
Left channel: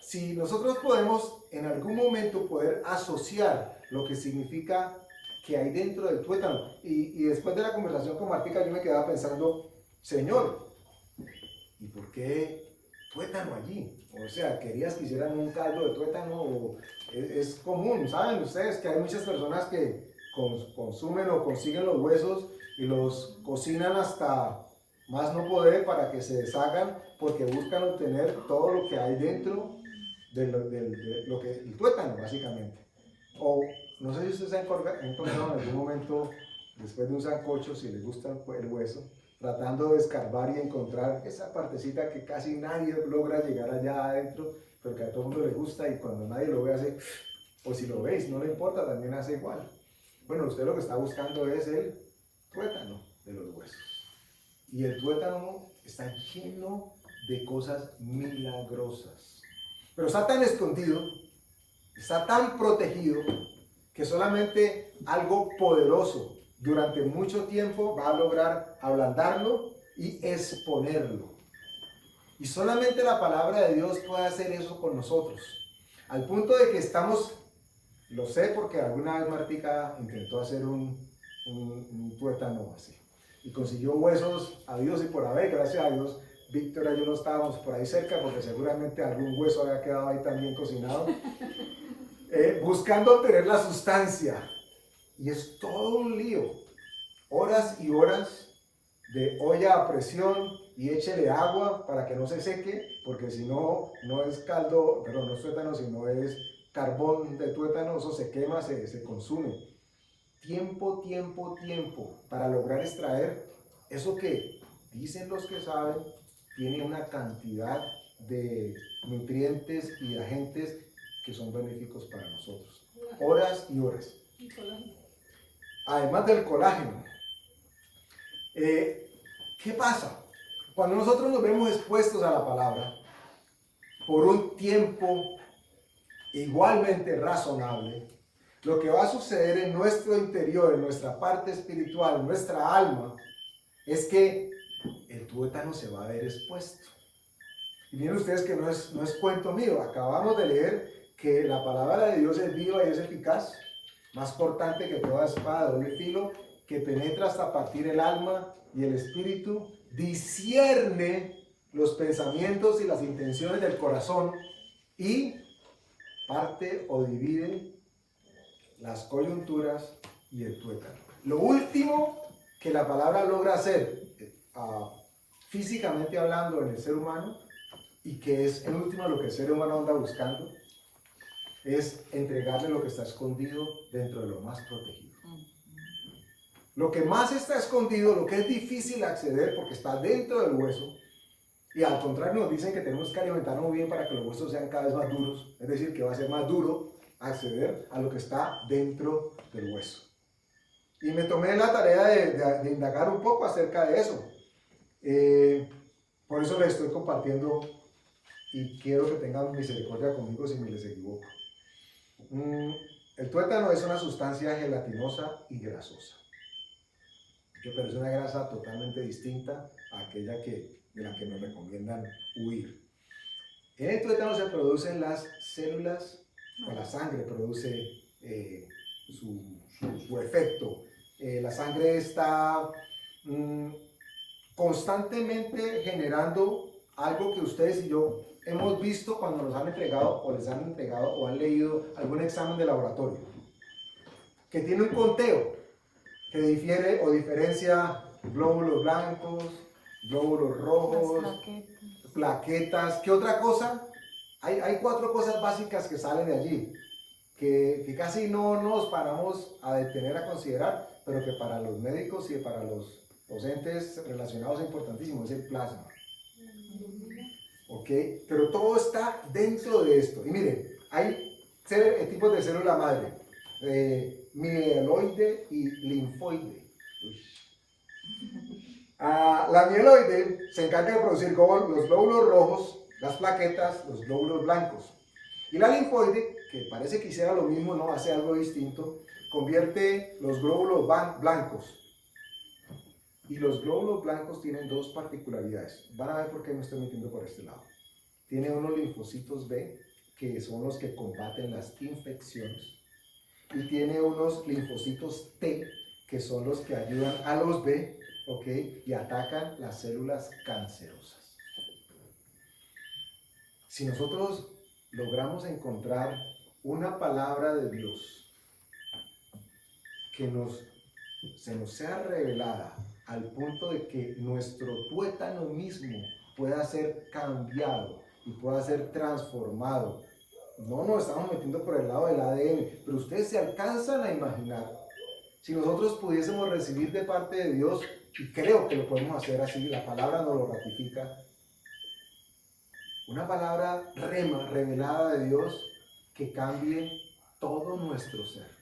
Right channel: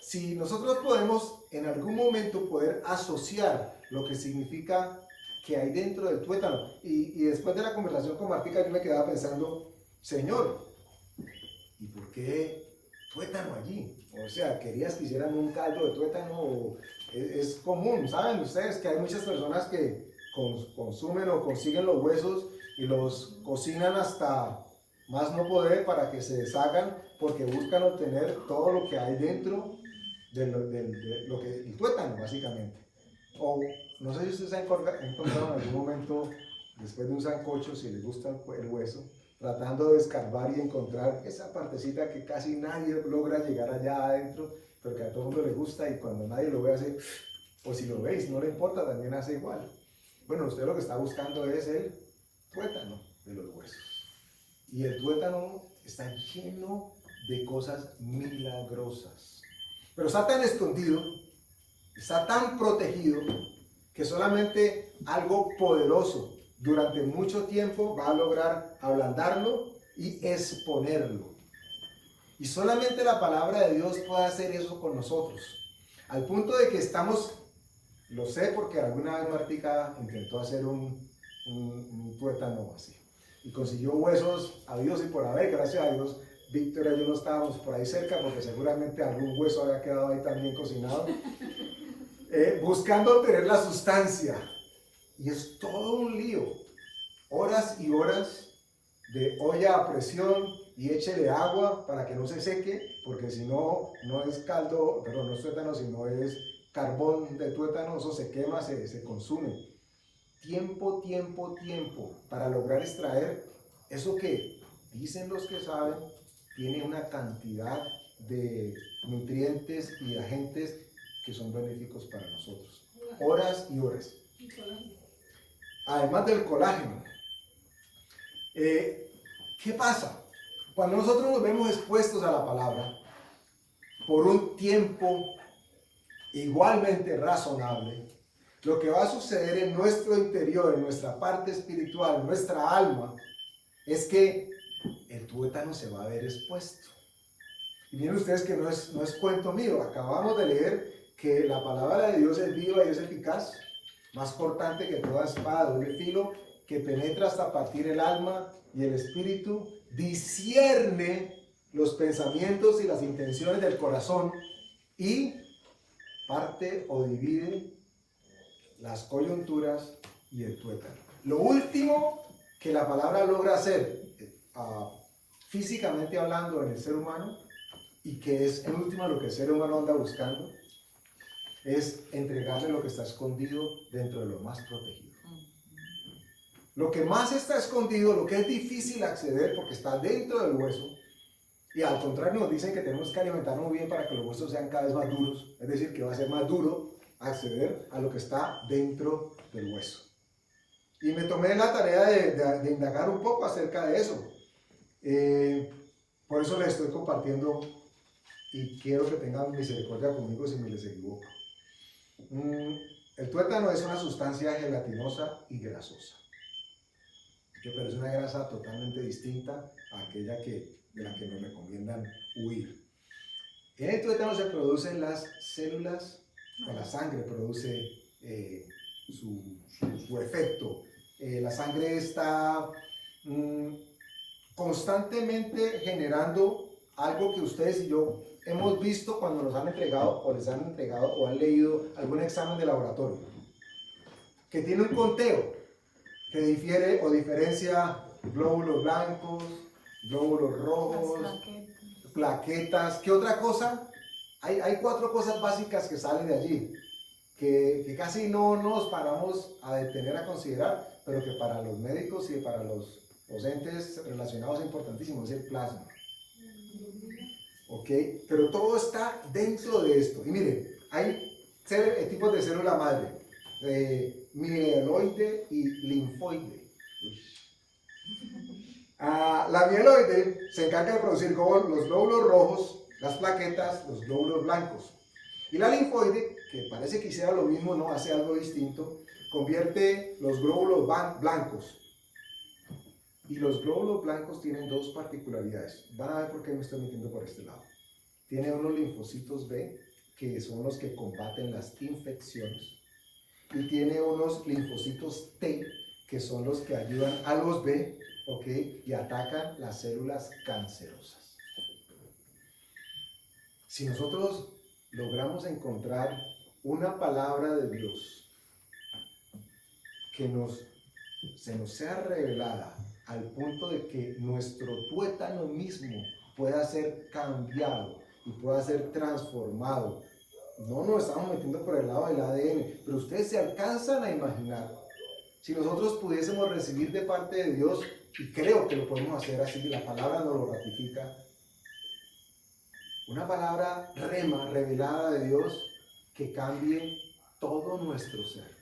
Si nosotros podemos en algún momento poder asociar lo que significa que hay dentro del tuétano, y después de la conversación con Martica yo me quedaba pensando, Señor, ¿y por qué tuétano allí? O sea, ¿querías que hicieran un caldo de tuétano? Es común, ¿saben ustedes que hay muchas personas que consumen o consiguen los huesos y los cocinan hasta más no poder para que se deshagan, porque buscan obtener todo lo que hay dentro de lo que el tuétano, básicamente? O no sé si ustedes han encontrado en algún momento, después de un sancocho, si les gusta el hueso, tratando de escarbar y encontrar esa partecita que casi nadie logra llegar allá adentro, pero que a todo el mundo le gusta, y cuando nadie lo ve hace, o si lo veis, no le importa, también hace igual. Bueno, usted lo que está buscando es el tuétano de los huesos. Y el tuétano está lleno de cosas milagrosas. Pero está tan escondido, está tan protegido, que solamente algo poderoso durante mucho tiempo va a lograr ablandarlo y exponerlo. Y solamente la palabra de Dios puede hacer eso con nosotros. Al punto de que estamos, lo sé porque alguna vez Martica intentó hacer un tuétano así. Y consiguió huesos habidos y por haber, gracias a Dios. Víctor y yo no estábamos por ahí cerca porque seguramente algún hueso había quedado ahí también cocinado. Buscando obtener la sustancia. Y es todo un lío. Horas y horas de olla a presión y échele agua para que no se seque, porque si no, no es caldo, perdón, no es tuétano, sino es carbón de tuétano, eso se quema, se consume. Tiempo para lograr extraer eso que dicen los que saben tiene una cantidad de nutrientes y agentes que son benéficos para nosotros. Horas y horas. Además del colágeno. ¿Qué pasa? Cuando nosotros nos vemos expuestos a la palabra por un tiempo igualmente razonable, lo que va a suceder en nuestro interior, en nuestra parte espiritual, en nuestra alma, es que el tuétano se va a ver expuesto. Y miren ustedes que no es cuento mío. Acabamos de leer que la palabra de Dios es viva y es eficaz, más cortante que toda espada de doble filo, que penetra hasta partir el alma y el espíritu, discierne los pensamientos y las intenciones del corazón y parte o divide las coyunturas y el tuétano. Lo último que la palabra logra hacer, físicamente hablando en el ser humano, y que es en última lo que el ser humano anda buscando, es entregarle lo que está escondido dentro de lo más protegido. Lo que más está escondido, lo que es difícil acceder porque está dentro del hueso, y al contrario nos dicen que tenemos que alimentarnos muy bien para que los huesos sean cada vez más duros, es decir, que va a ser más duro acceder a lo que está dentro del hueso. Y me tomé la tarea de indagar un poco acerca de eso. Por eso les estoy compartiendo y quiero que tengan misericordia conmigo si me les equivoco. El tuétano es una sustancia gelatinosa y grasosa, pero es una grasa totalmente distinta a aquella de la que nos recomiendan huir. En el tuétano se producen las células, o la sangre produce su efecto. La sangre está constantemente generando algo que ustedes y yo hemos visto cuando nos han entregado o les han entregado o han leído algún examen de laboratorio, que tiene un conteo que difiere o diferencia glóbulos blancos, glóbulos rojos, plaquetas. ¿Qué otra cosa? Hay 4 cosas básicas que salen de allí, que casi no nos paramos a detener a considerar, pero que para los médicos y para los entes relacionados es importantísimo, es el plasma. ¿Ok? Pero todo está dentro de esto. Y miren, hay tipos de célula madre, mieloide y linfoide. La mieloide se encarga de producir los glóbulos rojos las plaquetas, los glóbulos blancos. Y la linfoide, que parece que hiciera lo mismo, no hace algo distinto, convierte los glóbulos blancos. Y los glóbulos blancos tienen dos particularidades. Van a ver por qué me estoy metiendo por este lado. Tiene unos linfocitos B, que son los que combaten las infecciones. Y tiene unos linfocitos T, que son los que ayudan a los B, ¿ok? Y atacan las células cancerosas. Si nosotros logramos encontrar una palabra de Dios que se nos sea revelada al punto de que nuestro tuétano mismo pueda ser cambiado y pueda ser transformado. No nos estamos metiendo por el lado del ADN, pero ustedes se alcanzan a imaginar si nosotros pudiésemos recibir de parte de Dios, y creo que lo podemos hacer así, la palabra nos lo ratifica, una palabra rema, revelada de Dios, que cambie todo nuestro ser.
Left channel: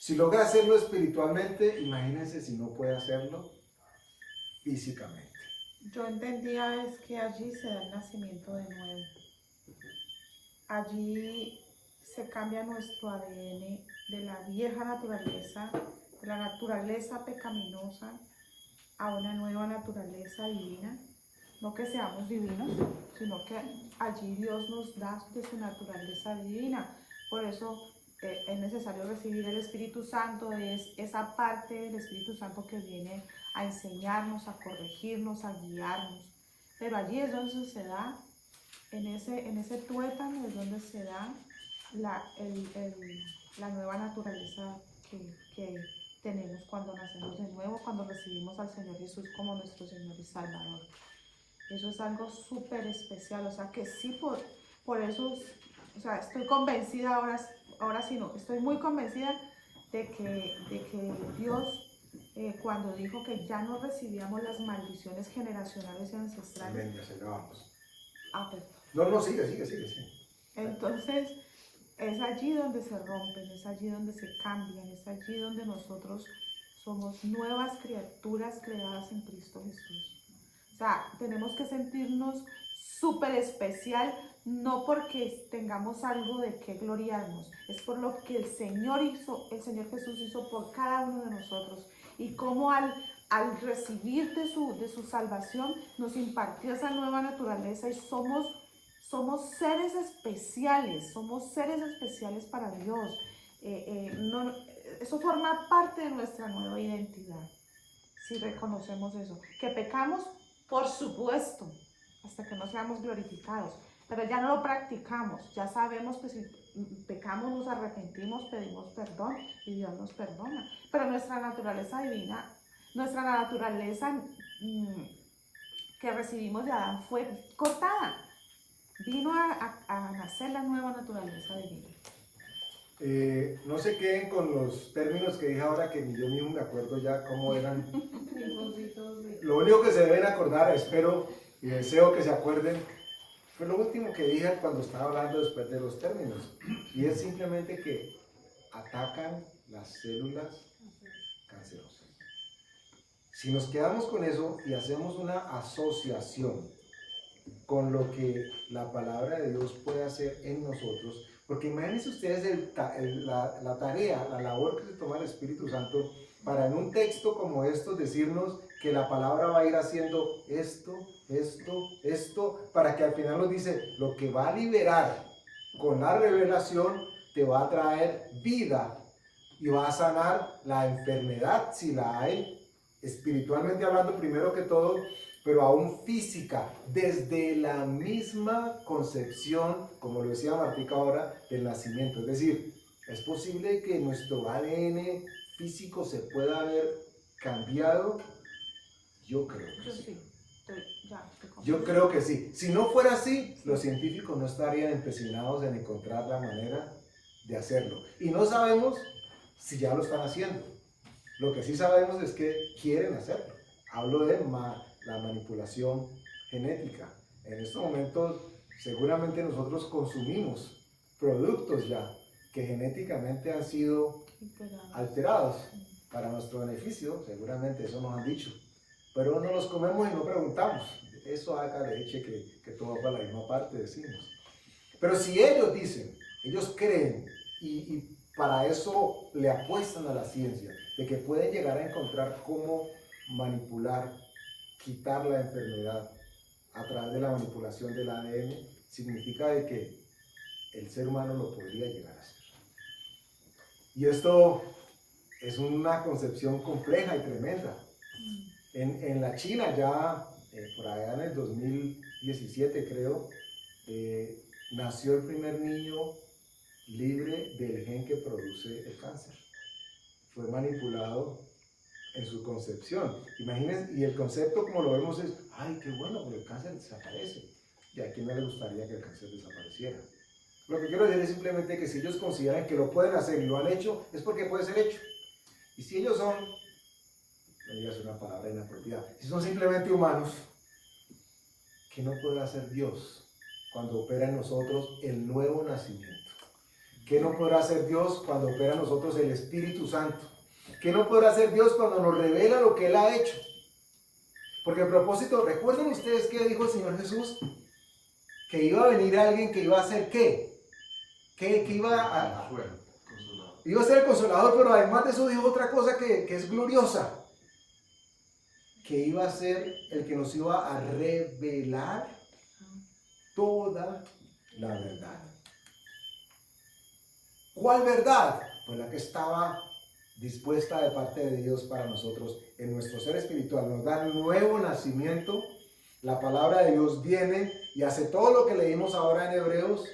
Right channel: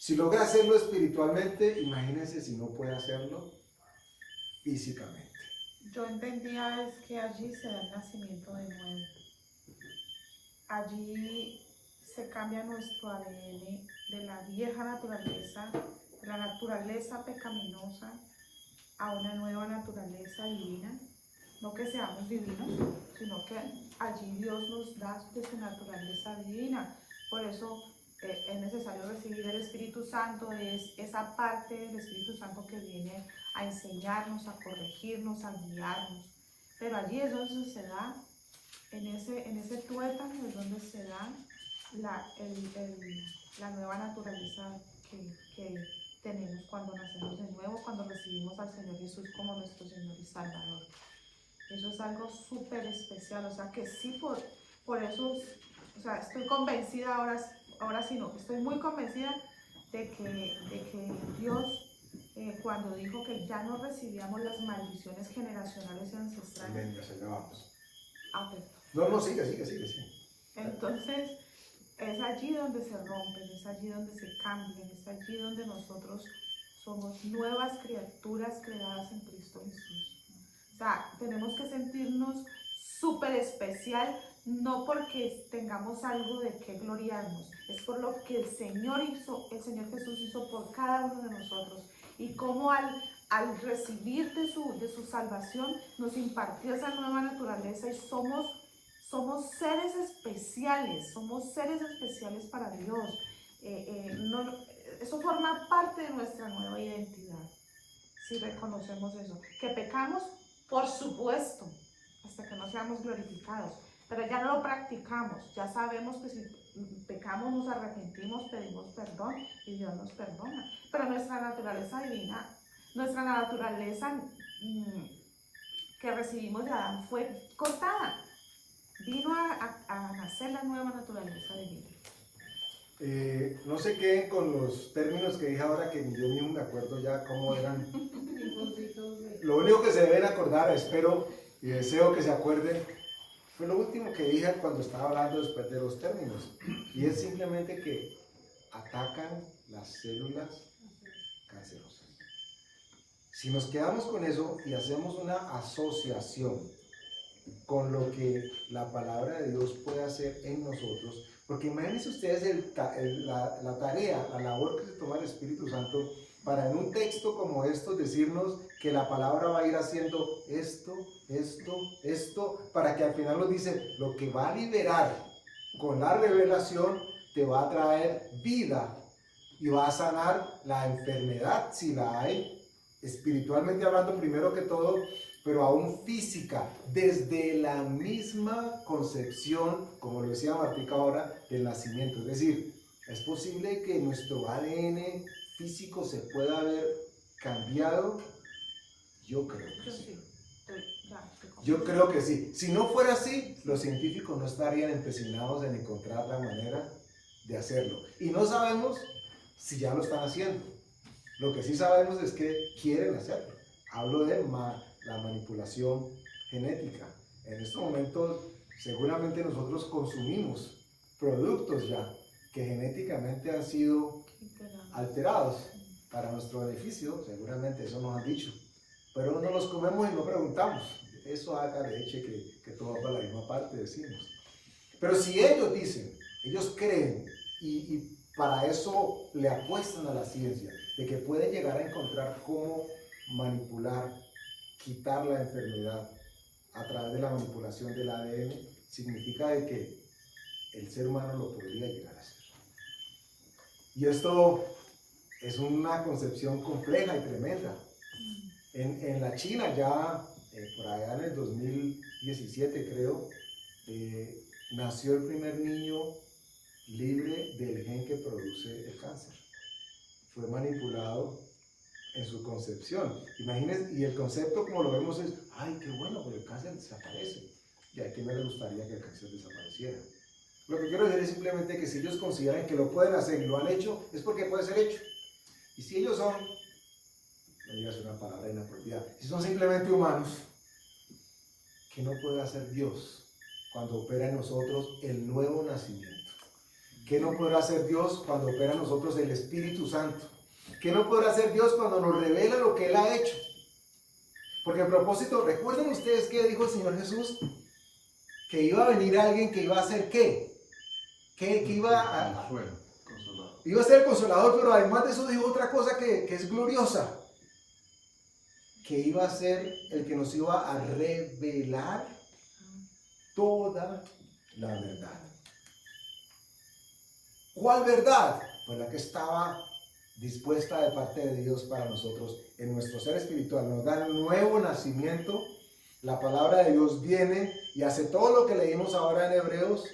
Si logra hacerlo espiritualmente, imagínense si no puede hacerlo físicamente. Yo entendía es que allí se da el nacimiento de nuevo. Allí se cambia nuestro ADN de la vieja naturaleza, de la naturaleza pecaminosa, a una nueva naturaleza divina. No que seamos divinos, sino que allí Dios nos da de su naturaleza divina. Por eso es necesario recibir el Espíritu Santo, es esa parte del Espíritu Santo que viene a enseñarnos, a corregirnos, a guiarnos. Pero allí es donde se da, en ese tuétano es donde se da la nueva naturaleza que tenemos cuando nacemos de nuevo, cuando recibimos al Señor Jesús como nuestro Señor y Salvador. Eso es algo súper especial, o sea que sí, por eso, o sea, estoy convencida ahora sí no, estoy muy convencida de que Dios, cuando dijo que ya no recibíamos las maldiciones generacionales y ancestrales. Amén, ya se acabamos. Pues, No, sigue. entonces, es allí donde se rompen, es allí donde se cambian, es allí donde nosotros somos nuevas criaturas creadas en Cristo Jesús. O sea, tenemos que sentirnos súper especial, no porque tengamos algo de qué gloriarnos, es por lo que el Señor Jesús hizo por cada uno de nosotros, y cómo al recibir de su salvación nos impartió esa nueva naturaleza, y somos seres especiales para Dios. Eso forma parte de nuestra nueva identidad, si reconocemos eso. Que pecamos, por supuesto, hasta que no seamos glorificados, pero ya no lo practicamos, ya sabemos que si pecamos nos arrepentimos, pedimos perdón y Dios nos perdona. Pero nuestra naturaleza divina, nuestra naturaleza que recibimos de Adán fue cortada. Vino a nacer la nueva naturaleza divina. No se queden con los términos que dije ahora, que yo mismo me acuerdo ya cómo eran. Lo único que se deben acordar, espero y deseo que se acuerden, fue lo último que dije cuando estaba hablando después de los términos, y es simplemente que atacan las células cancerosas. Si nos quedamos con eso y hacemos una asociación con lo que la palabra de Dios puede hacer en nosotros, porque imagínense ustedes la tarea, la labor que se toma el Espíritu Santo para en un texto como estos decirnos que la palabra va a ir haciendo esto, para que al final nos dice, lo que va a liberar con la revelación te va a traer vida y va a sanar la enfermedad si la hay, espiritualmente hablando primero que todo, pero aún física, desde la misma concepción, como lo decía Martica ahora, del nacimiento. Es decir, es posible que nuestro ADN físico se pueda haber cambiado. Yo creo que sí. Yo creo que sí. Si no fuera así, los científicos no estarían empecinados en encontrar la manera de hacerlo. Y no sabemos si ya lo están haciendo. Lo que sí sabemos es que quieren hacerlo. Hablo de la manipulación genética. En estos momentos seguramente nosotros consumimos productos ya que genéticamente han sido alterados para nuestro beneficio, seguramente eso nos han dicho, pero no los comemos y no preguntamos. eso haga leche que todo va para la misma parte, decimos. Pero si ellos dicen, ellos creen y para eso le apuestan a la ciencia, de que pueden llegar a encontrar cómo manipular, quitar la enfermedad a través de la manipulación del ADN, significa de que el ser humano lo podría llegar a hacer. Y esto es una concepción compleja y tremenda. En la China ya, por allá en el 2017 creo, nació el primer niño libre del gen que produce el cáncer. Fue manipulado en su concepción. Imagínense, y el concepto como lo vemos es, ay, qué bueno, porque el cáncer desaparece. ¿Y a quién no le gustaría que el cáncer desapareciera? Lo que quiero decir es simplemente que si ellos consideran que lo pueden hacer y lo han hecho, es porque puede ser hecho. Y si ellos son, no digas una palabra inapropiada, si son simplemente humanos, ¿qué no puede hacer Dios cuando opera en nosotros el nuevo nacimiento? ¿Qué no podrá hacer Dios cuando opera en nosotros el Espíritu Santo? ¿Qué no podrá hacer Dios cuando nos revela lo que Él ha hecho? Porque a propósito, ¿recuerdan ustedes qué dijo el Señor Jesús? Que iba a venir alguien que iba a hacer ¿qué? Que iba a ser el consolador, pero además de eso dijo otra cosa que es gloriosa. Que iba a ser el que nos iba a revelar toda la verdad. ¿Cuál verdad? Pues la que estaba dispuesta de parte de Dios para nosotros en nuestro ser espiritual. Nos da nuevo nacimiento. La palabra de Dios viene y hace todo lo que leímos ahora en Hebreos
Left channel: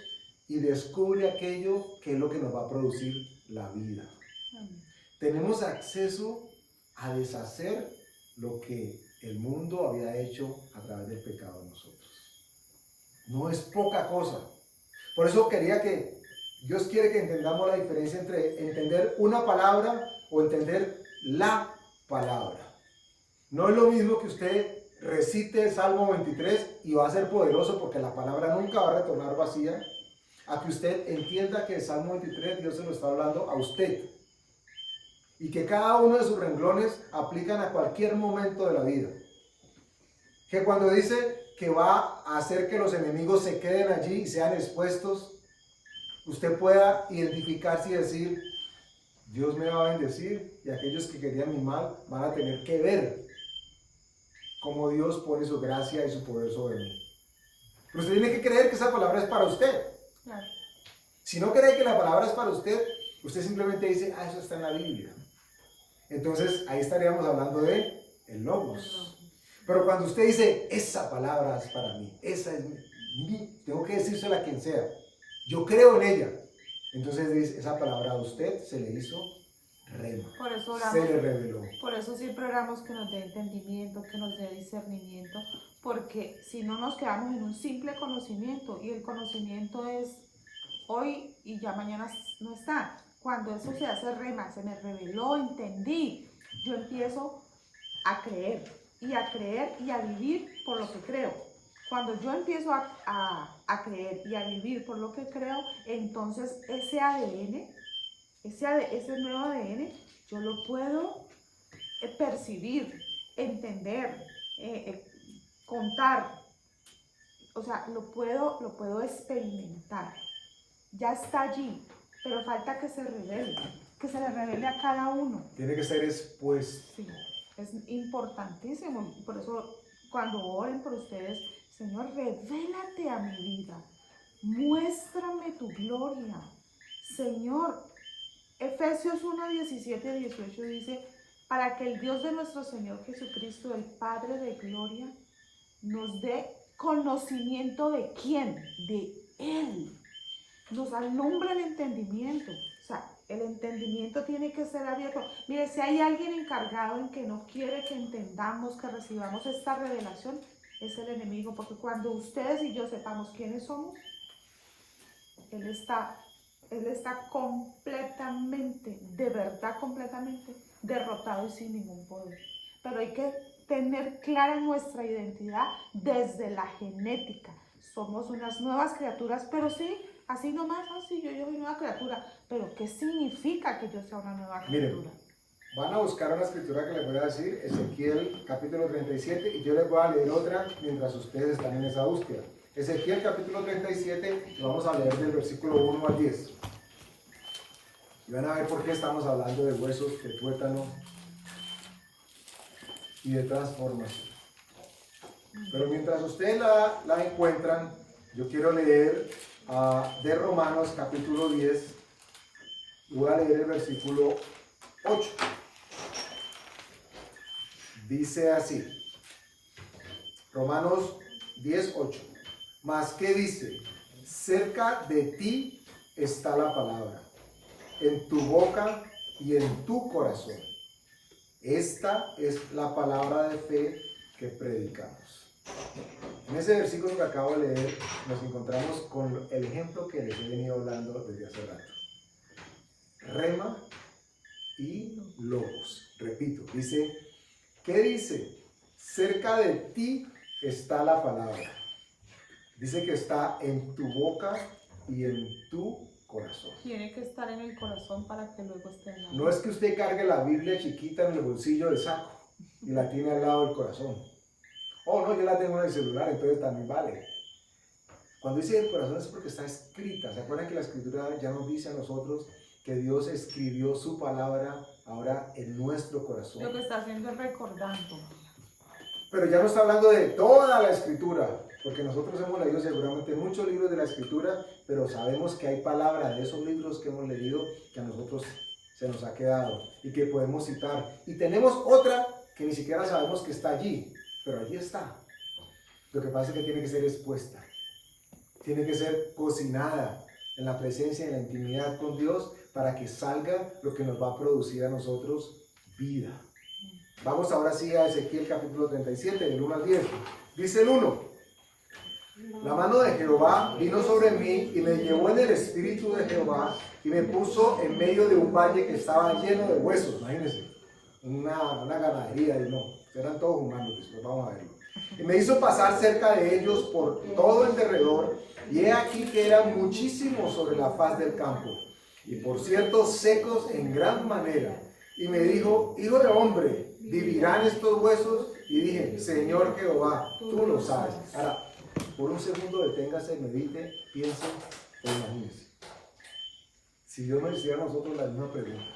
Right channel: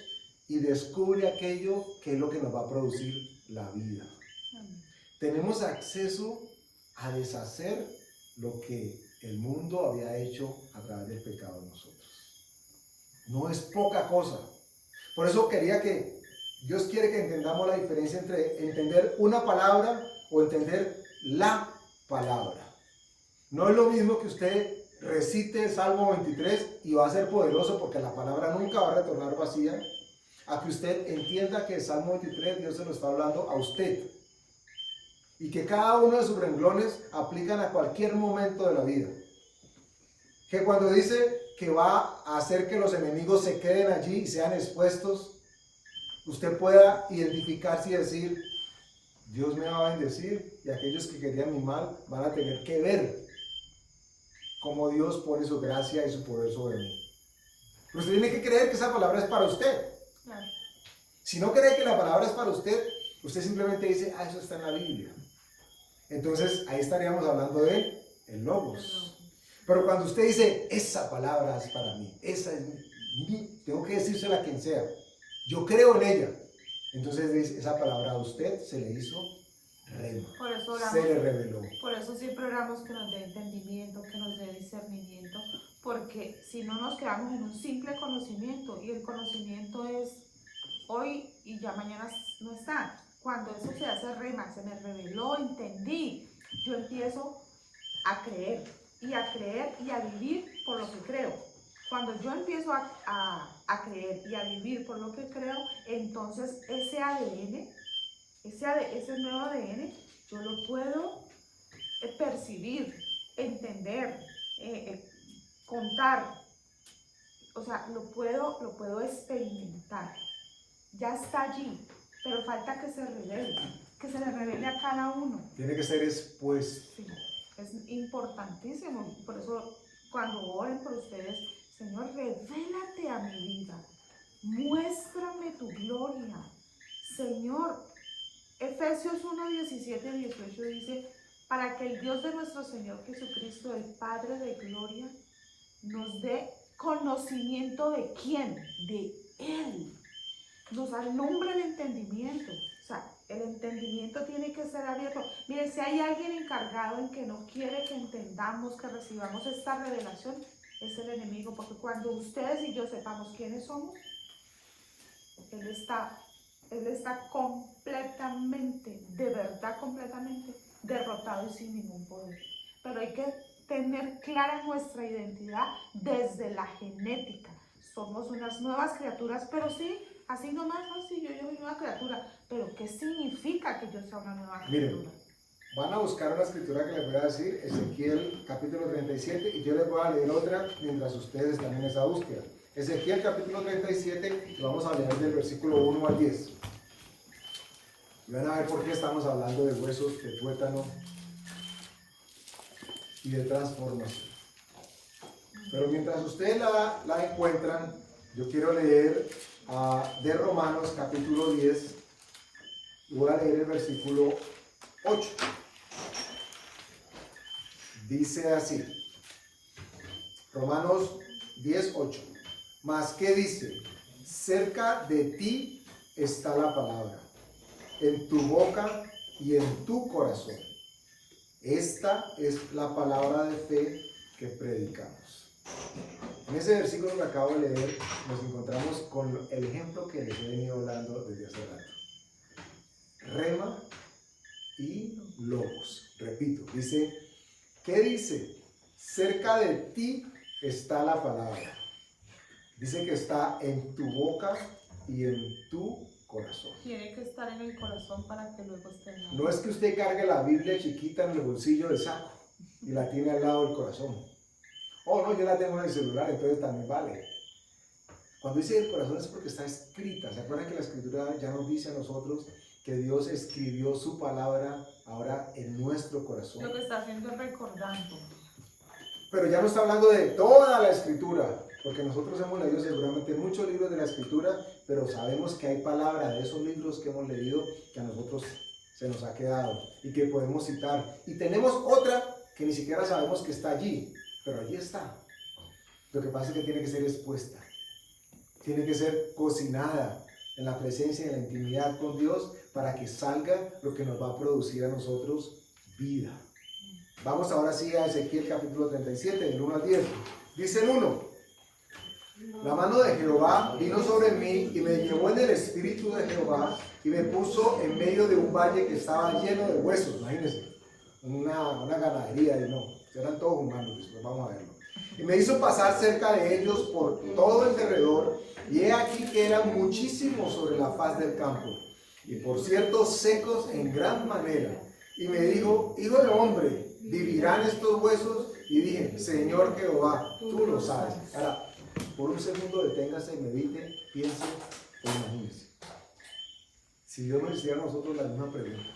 y descubre aquello que es lo que nos va a producir la vida. Tenemos acceso a deshacer lo que el mundo había hecho a través del pecado de nosotros. No es poca cosa. Por eso quería que Dios quiere que entendamos la diferencia entre entender una palabra o entender la palabra. No es lo mismo que usted recite el Salmo 23 y va a ser poderoso porque la palabra nunca va a retornar vacía, a que usted entienda que el Salmo 23 Dios se lo está hablando a usted y que cada uno de sus renglones aplican a cualquier momento de la vida. Que cuando dice que va a hacer que los enemigos se queden allí y sean expuestos, usted pueda identificarse y decir, Dios me va a bendecir y aquellos que querían mi mal van a tener que ver cómo Dios pone su gracia y su poder sobre mí. Pero usted tiene que creer que esa palabra es para usted. Claro. Si no cree que la palabra es para usted, usted simplemente dice, eso está en la Biblia. Entonces ahí estaríamos hablando de el Logos. Pero cuando usted dice, esa palabra es para mí, esa es mi, tengo que decírsela a quien sea, yo creo en ella. Entonces dice, esa palabra a usted se le hizo rema, Por eso oramos, se le reveló. por eso siempre oramos que nos dé entendimiento, que nos dé discernimiento, porque si no nos quedamos en un simple conocimiento, y el conocimiento es hoy y ya mañana no está. Cuando eso se hace rema, se me reveló, entendí, yo empiezo a creer y a vivir por lo que creo. Cuando yo empiezo a creer y a vivir por lo que creo, entonces ese ADN, ese nuevo ADN, yo lo puedo percibir, entender, contar, o sea, lo puedo experimentar. Ya está allí, pero falta que se le revele a cada uno. Tiene que ser expuesto. Sí, es importantísimo. Por eso, cuando oren por ustedes, Señor, revélate a mi vida, muéstrame tu gloria. Señor, Efesios 1, 17 y 18 dice, para que el Dios de nuestro Señor Jesucristo, el Padre de gloria, nos dé conocimiento de ¿quién? De Él. Nos alumbra el entendimiento. O sea, el entendimiento tiene que ser abierto. Mire, si hay alguien encargado en que no quiere que entendamos, que recibamos esta revelación, es el enemigo, porque cuando ustedes y yo sepamos quiénes somos, Él está completamente, de verdad completamente derrotado y sin ningún poder. Pero hay que tener clara nuestra identidad desde la genética. Somos unas nuevas criaturas, pero sí, así nomás, no, sí, yo soy una nueva criatura. Pero ¿qué significa que yo sea una nueva criatura? Miren, Van a buscar una escritura que les voy a decir, Ezequiel capítulo 37, y yo les voy a leer otra mientras ustedes están en esa búsqueda. Ezequiel capítulo 37, y vamos a leer del versículo 1 al 10. Y van a ver por qué estamos hablando de huesos, de tuétano y de transformación. Pero mientras ustedes la encuentran, yo quiero leer de Romanos capítulo 10, y voy a leer el versículo 8. Dice así, Romanos 10, 8. Mas, ¿qué dice? Cerca de ti está la palabra, en tu boca y en tu corazón. Esta es la palabra de fe que predicamos. En ese versículo que acabo de leer, nos encontramos con el ejemplo que les he venido hablando desde hace rato. Rema y logos. Repito, dice, ¿qué dice? Cerca de ti está la palabra. Dice que está en tu boca y en tu corazón. Tiene que estar en el corazón para que luego esté en la No es que usted cargue la Biblia chiquita en el bolsillo del saco y la tiene al lado del corazón. Oh, no, yo la tengo en el celular, entonces también vale. Cuando dice el corazón es porque está escrita. ¿Se acuerdan que la escritura ya nos dice a nosotros que Dios escribió su palabra ahora en nuestro corazón? Lo que está haciendo es recordando. Pero ya no está hablando de toda la escritura, porque nosotros hemos leído seguramente muchos libros de la escritura, pero sabemos que hay palabras de esos libros que hemos leído que a nosotros se nos ha quedado y que podemos citar. Y tenemos otra que ni siquiera sabemos que está allí, pero allí está. Lo que pasa es que tiene que ser expuesta, tiene que ser cocinada en la presencia y en la intimidad con Dios para que salga lo que nos va a producir a nosotros vida. Vamos ahora sí a Ezequiel capítulo 37, del 1 al 10. Dice el 1. La mano de Jehová vino sobre mí y me llevó en el espíritu de Jehová y me puso en medio de un valle que estaba lleno de huesos. Imagínense, una ganadería y no, eran todos humanos, después vamos a verlo. Y me hizo pasar cerca de ellos por todo el derredor, y he aquí que eran muchísimos sobre la faz del campo, y por cierto secos en gran manera. Y me dijo, hijo de hombre, ¿vivirán estos huesos? Y dije, Señor Jehová, tú lo sabes. Ahora, por un segundo deténgase, medite, piense o imagínese. Si Dios nos hiciera a nosotros la misma pregunta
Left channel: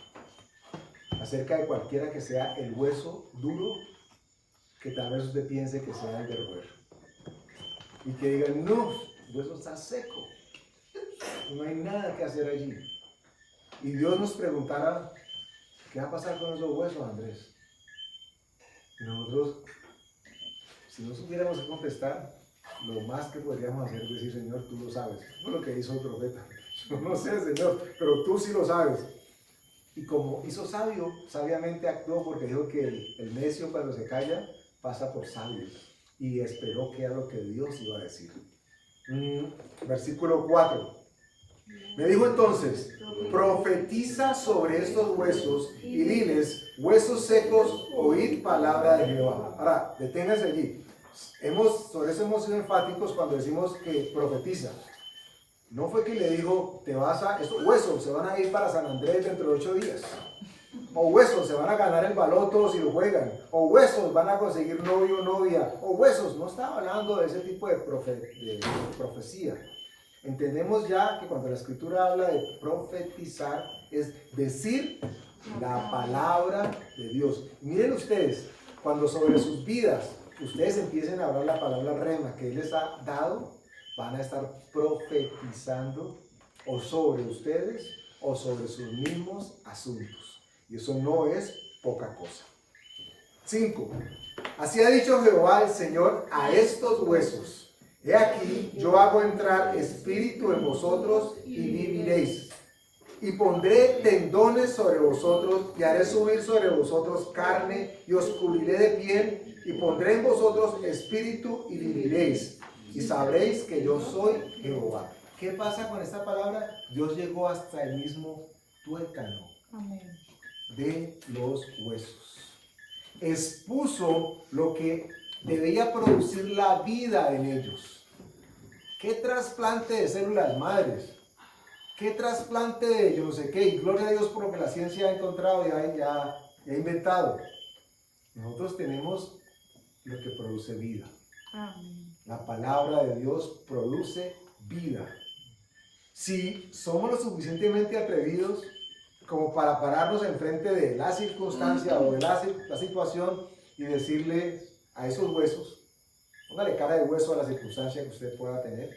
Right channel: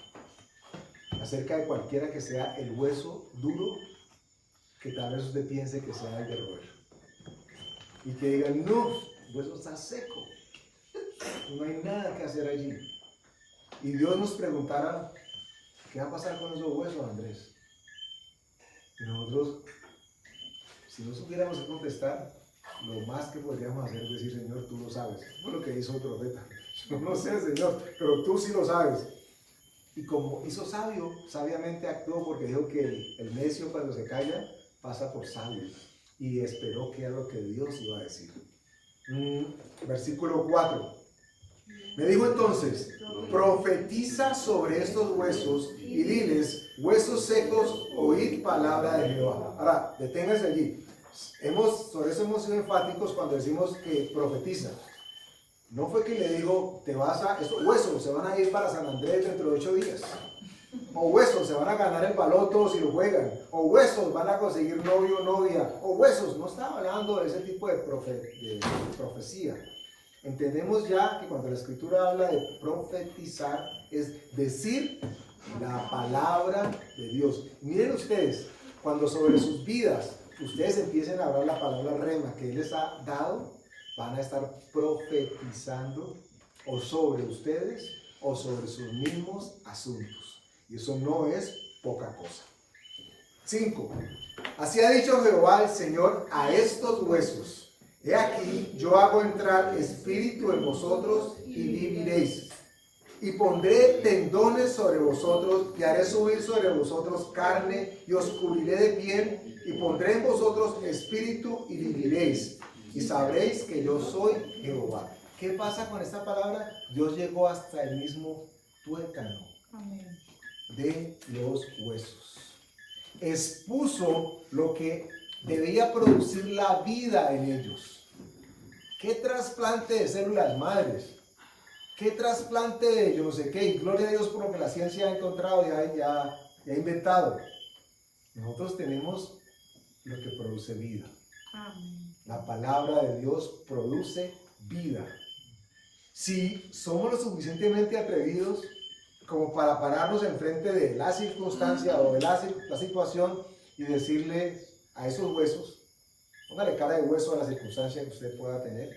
acerca de cualquiera que sea el hueso duro, que tal vez usted piense que sea el de roer, y que diga, no, el hueso está seco, no hay nada que hacer allí. Y Dios nos preguntara, ¿qué va a pasar con esos huesos, Andrés? Y nosotros, si no supiéramos qué contestar, lo más que podríamos hacer es decir, Señor, tú lo sabes. Eso es lo que hizo el profeta. Yo no sé, Señor, pero tú sí lo sabes. Y como hizo sabio, sabiamente actuó, porque dijo que el necio cuando se calla pasa por sabio. Y esperó que era lo que Dios iba a decir. Versículo 4. Me dijo entonces, profetiza sobre estos huesos y diles, huesos secos, oíd palabra de Jehová. Ahora, deténganse allí. Sobre eso hemos sido enfáticos cuando decimos que profetiza. No fue que le dijo, estos huesos se van a ir para San Andrés dentro de 8 días. O huesos se van a ganar el baloto si lo juegan. O huesos van a conseguir novio o novia. O huesos, no estaba hablando de ese tipo de profecía. Entendemos ya que cuando la escritura habla de profetizar es decir la palabra de Dios. Miren ustedes, cuando sobre sus vidas ustedes empiecen a hablar la palabra rema que Él les ha dado, van a estar profetizando o sobre ustedes o sobre sus mismos asuntos. Y eso no es poca cosa. 5. Así ha dicho Jehová el Señor a estos huesos. He aquí, yo hago entrar espíritu en vosotros y viviréis. Y pondré tendones sobre vosotros y haré subir sobre vosotros carne y os cubriré de piel y pondré en vosotros espíritu y viviréis. Y sabréis que yo soy Jehová. ¿Qué pasa con esta palabra? Dios llegó hasta el mismo tuétano de los huesos. Expuso lo que debía producir la vida en ellos. ¿Qué trasplante de células madres? ¿Qué trasplante de yo no sé qué? Y gloria a Dios por lo que la ciencia ha encontrado, ya y ha inventado. Nosotros tenemos lo que produce vida. Amén. La palabra de Dios produce vida. Si somos lo suficientemente atrevidos como para pararnos enfrente de la circunstancia o de la situación y decirle a esos huesos, póngale cara de hueso a la circunstancia que usted pueda tener,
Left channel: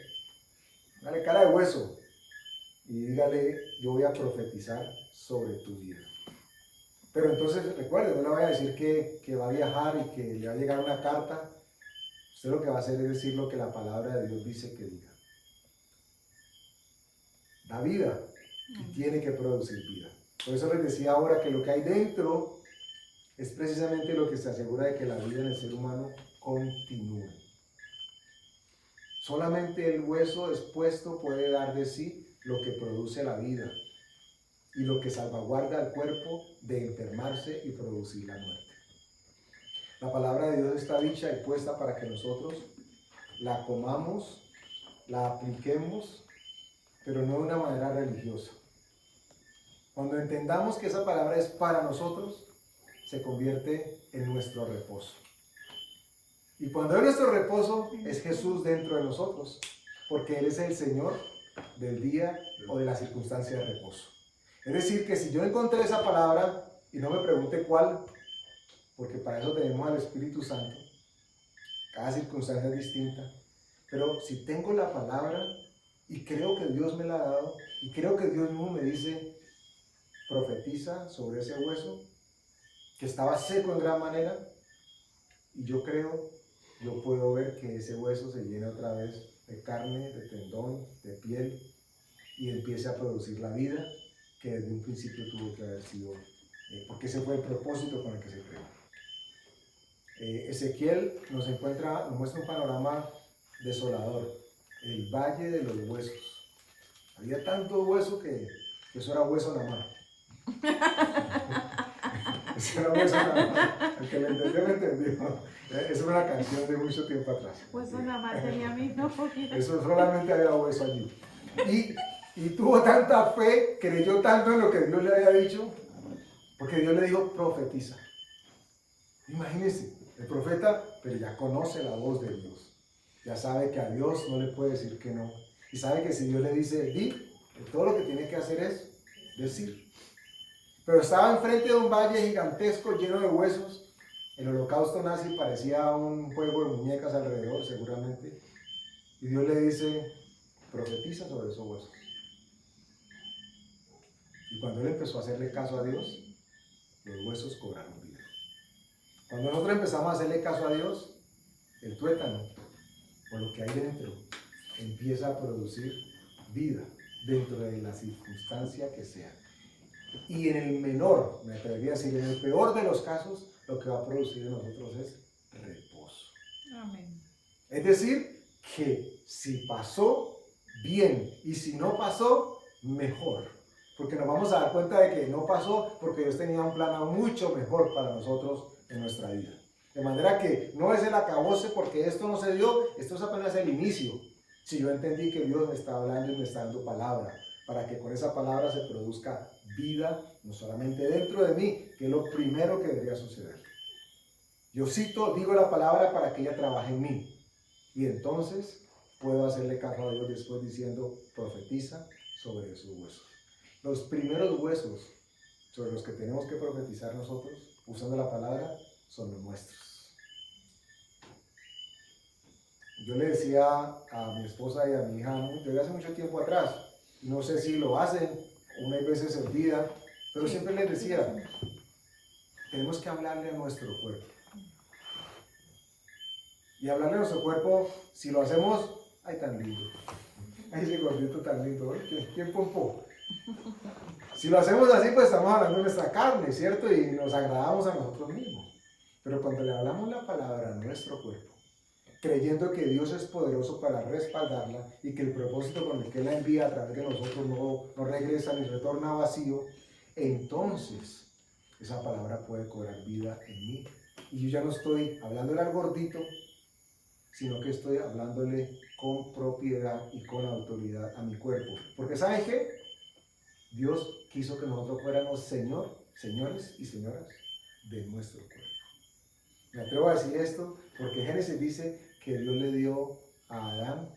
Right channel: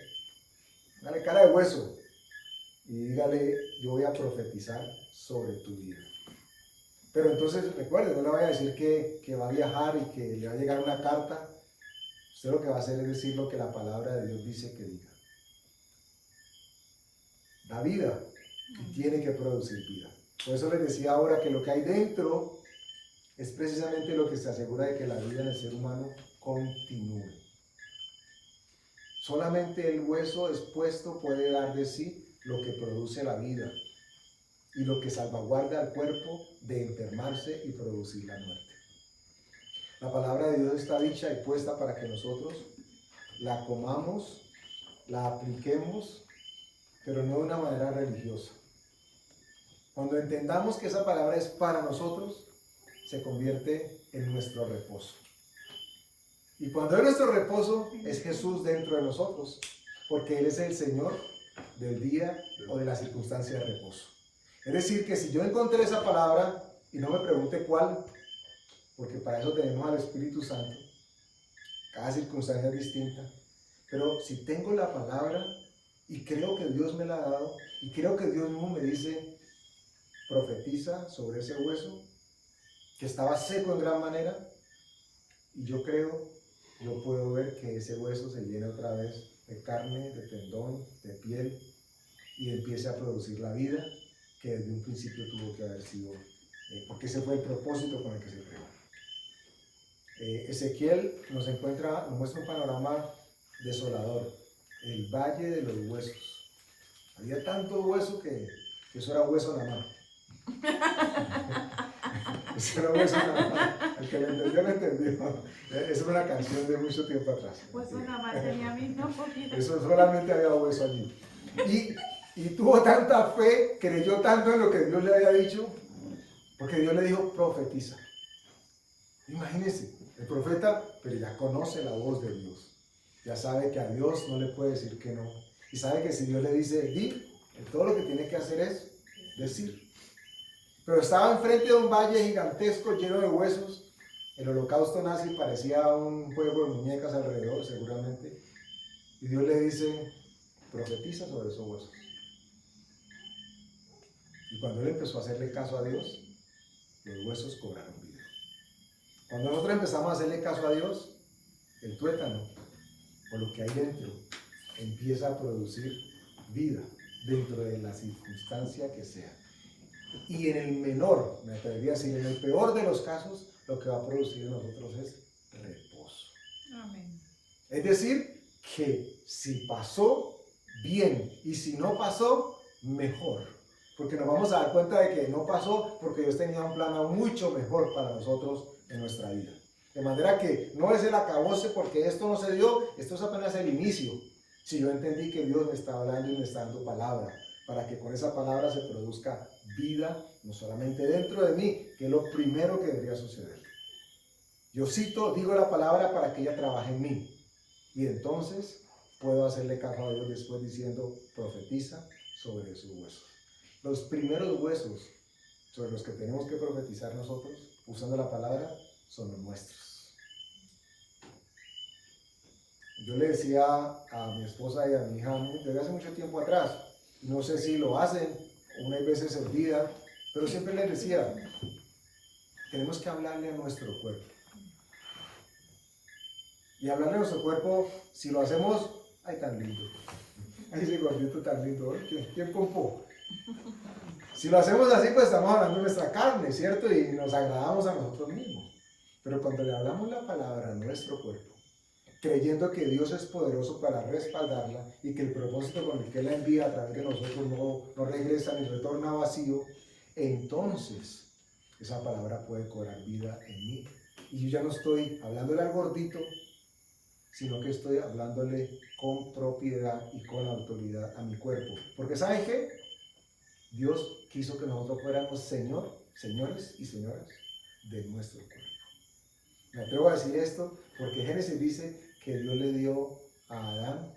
póngale cara de hueso y dígale, yo voy a profetizar sobre tu vida. Pero entonces recuerde, no le voy a decir que va a viajar y que le va a llegar una carta. Usted lo que va a hacer es decir lo que la palabra de Dios dice que diga. Da vida y tiene que producir vida. Por eso les decía ahora que lo que hay dentro es precisamente lo que se asegura de que la vida en el ser humano continúe. Solamente el hueso expuesto puede dar de sí lo que produce la vida y lo que salvaguarda al cuerpo de enfermarse y producir la muerte. La palabra de Dios está dicha y puesta para que nosotros la comamos, la apliquemos, pero no de una manera religiosa. Cuando entendamos que esa palabra es para nosotros, se convierte en nuestro reposo. Y cuando es nuestro reposo, es Jesús dentro de nosotros, porque Él es el Señor del día o de la circunstancia de reposo. Es decir, que si yo encontré esa palabra, y no me pregunte cuál, porque para eso tenemos al Espíritu Santo, cada circunstancia es distinta, pero si tengo la palabra y creo que Dios me la ha dado, y creo que Dios mismo me dice, profetiza sobre ese hueso, que estaba seco en gran manera, y yo creo, yo puedo ver que ese hueso se llena otra vez de carne, de tendón, de piel, y empiece a producir la vida que desde un principio tuvo que haber sido, porque ese fue el propósito con el que se creó. Ezequiel nos muestra un panorama desolador, el valle de los huesos. Había tanto hueso que eso era hueso nada más. Eso era hueso nada más. El que lo entendió. Eso era una canción de mucho tiempo atrás. Pues nada más tenía a mí, no podía. Eso solamente había hueso allí. Y tuvo tanta fe, creyó tanto en lo que Dios le había dicho, porque Dios le dijo, profetiza. Imagínense, el profeta, pero ya conoce la voz de Dios. Ya sabe que a Dios no le puede decir que no. Y sabe que si Dios le dice, di, todo lo que tiene que hacer es decir. Pero estaba enfrente de un valle gigantesco lleno de huesos. El holocausto nazi parecía un juego de muñecas alrededor, seguramente. Y Dios le dice, profetiza sobre esos huesos. Y cuando él empezó a hacerle caso a Dios, los huesos cobraron vida. Cuando nosotros empezamos a hacerle caso a Dios, el tuétano, o lo que hay dentro, empieza a producir vida dentro de la circunstancia que sea. Y en el menor, me atrevería a decir, en el peor de los casos, lo que va a producir en nosotros es reposo. Amén. Es decir, que si pasó, bien, y si no pasó, mejor. Porque nos vamos a dar cuenta de que no pasó porque Dios tenía un plan mucho mejor para nosotros en nuestra vida. De manera que no es el acabose porque esto no se dio, esto es apenas el inicio. Si yo entendí que Dios me está hablando y me está dando palabra, para que con esa palabra se produzca vida, no solamente dentro de mí, que es lo primero que debería suceder. Yo digo la palabra para que ella trabaje en mí. Y entonces puedo hacerle caso a Dios después diciendo, profetiza sobre esos huesos. Los primeros huesos sobre los que tenemos que profetizar nosotros, usando la palabra, son los nuestros. Yo le decía a mi esposa y a mi hija desde hace mucho tiempo atrás, no sé si lo hacen, unas veces se olvida, pero siempre les decía, tenemos que hablarle a nuestro cuerpo. Y hablarle a nuestro cuerpo, si lo hacemos, ay tan lindo, ay ese gordito tan lindo, ¿quién pompó? Si lo hacemos así, pues estamos hablando de nuestra carne, ¿cierto? Y nos agradamos a nosotros mismos. Pero cuando le hablamos la palabra a nuestro cuerpo, creyendo que Dios es poderoso para respaldarla y que el propósito con el que Él la envía a través de nosotros no regresa ni retorna vacío, entonces esa palabra puede cobrar vida en mí. Y yo ya no estoy hablándole al gordito, sino que estoy hablándole con propiedad y con autoridad a mi cuerpo. Porque ¿saben qué? Dios quiso que nosotros fuéramos señores y señoras de nuestro cuerpo. Me atrevo a decir esto porque Génesis dice que Dios le dio a Adán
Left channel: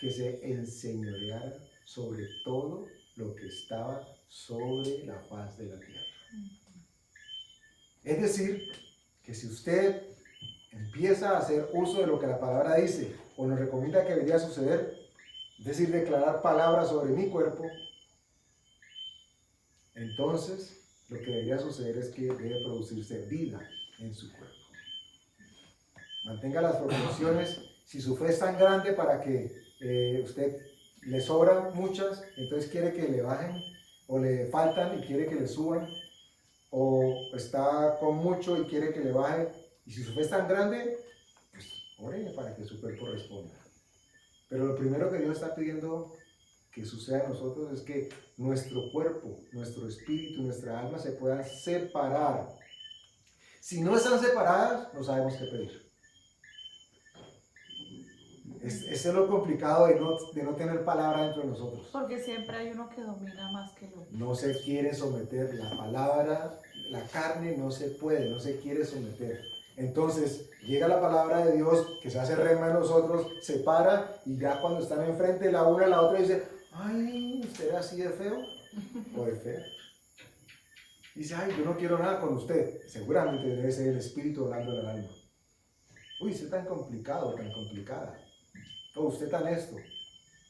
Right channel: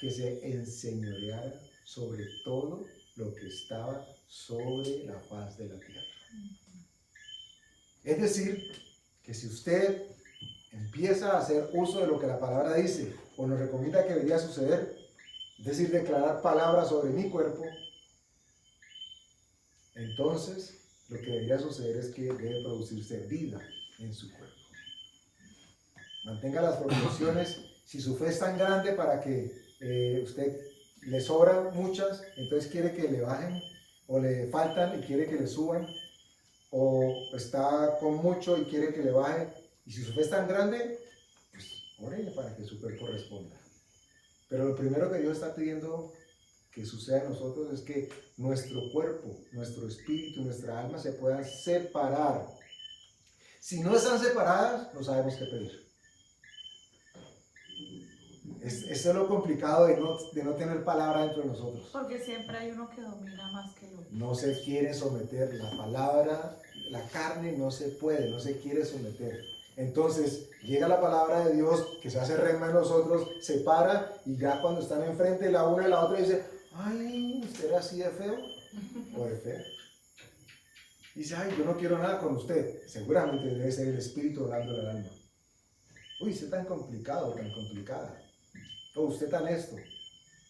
que se enseñoreara sobre todo lo que estaba sobre la faz de la tierra. Es decir, que si usted empieza a hacer uso de lo que la palabra dice o nos recomienda que debería suceder, es decir, declarar palabras sobre mi cuerpo, entonces lo que debería suceder es que debe producirse vida en su cuerpo. Mantenga las proporciones. Si su fe es tan grande para que usted le sobran muchas, entonces quiere que le bajen, o le faltan y quiere que le suban, o está con mucho y quiere que le baje, y si su fe es tan grande, pues órele para que su cuerpo responda. Pero lo primero que Dios está pidiendo que suceda en nosotros es que nuestro cuerpo, nuestro espíritu, nuestra alma se puedan separar. Si no están separadas, no sabemos qué pedir. Eso es lo complicado de no tener palabra dentro de nosotros. Porque siempre hay uno que domina más que el otro. No se quiere someter. La palabra, la carne no se puede, no se quiere someter. Entonces llega la palabra de Dios que se hace rema en nosotros, se para y ya cuando están enfrente la una y la otra dice, ay, ¿usted era así de feo o de fea? Dice, ay, yo no quiero nada con usted. Seguramente debe ser el espíritu hablándole al alma. Uy, usted tan complicado, tan complicada. O usted tan esto.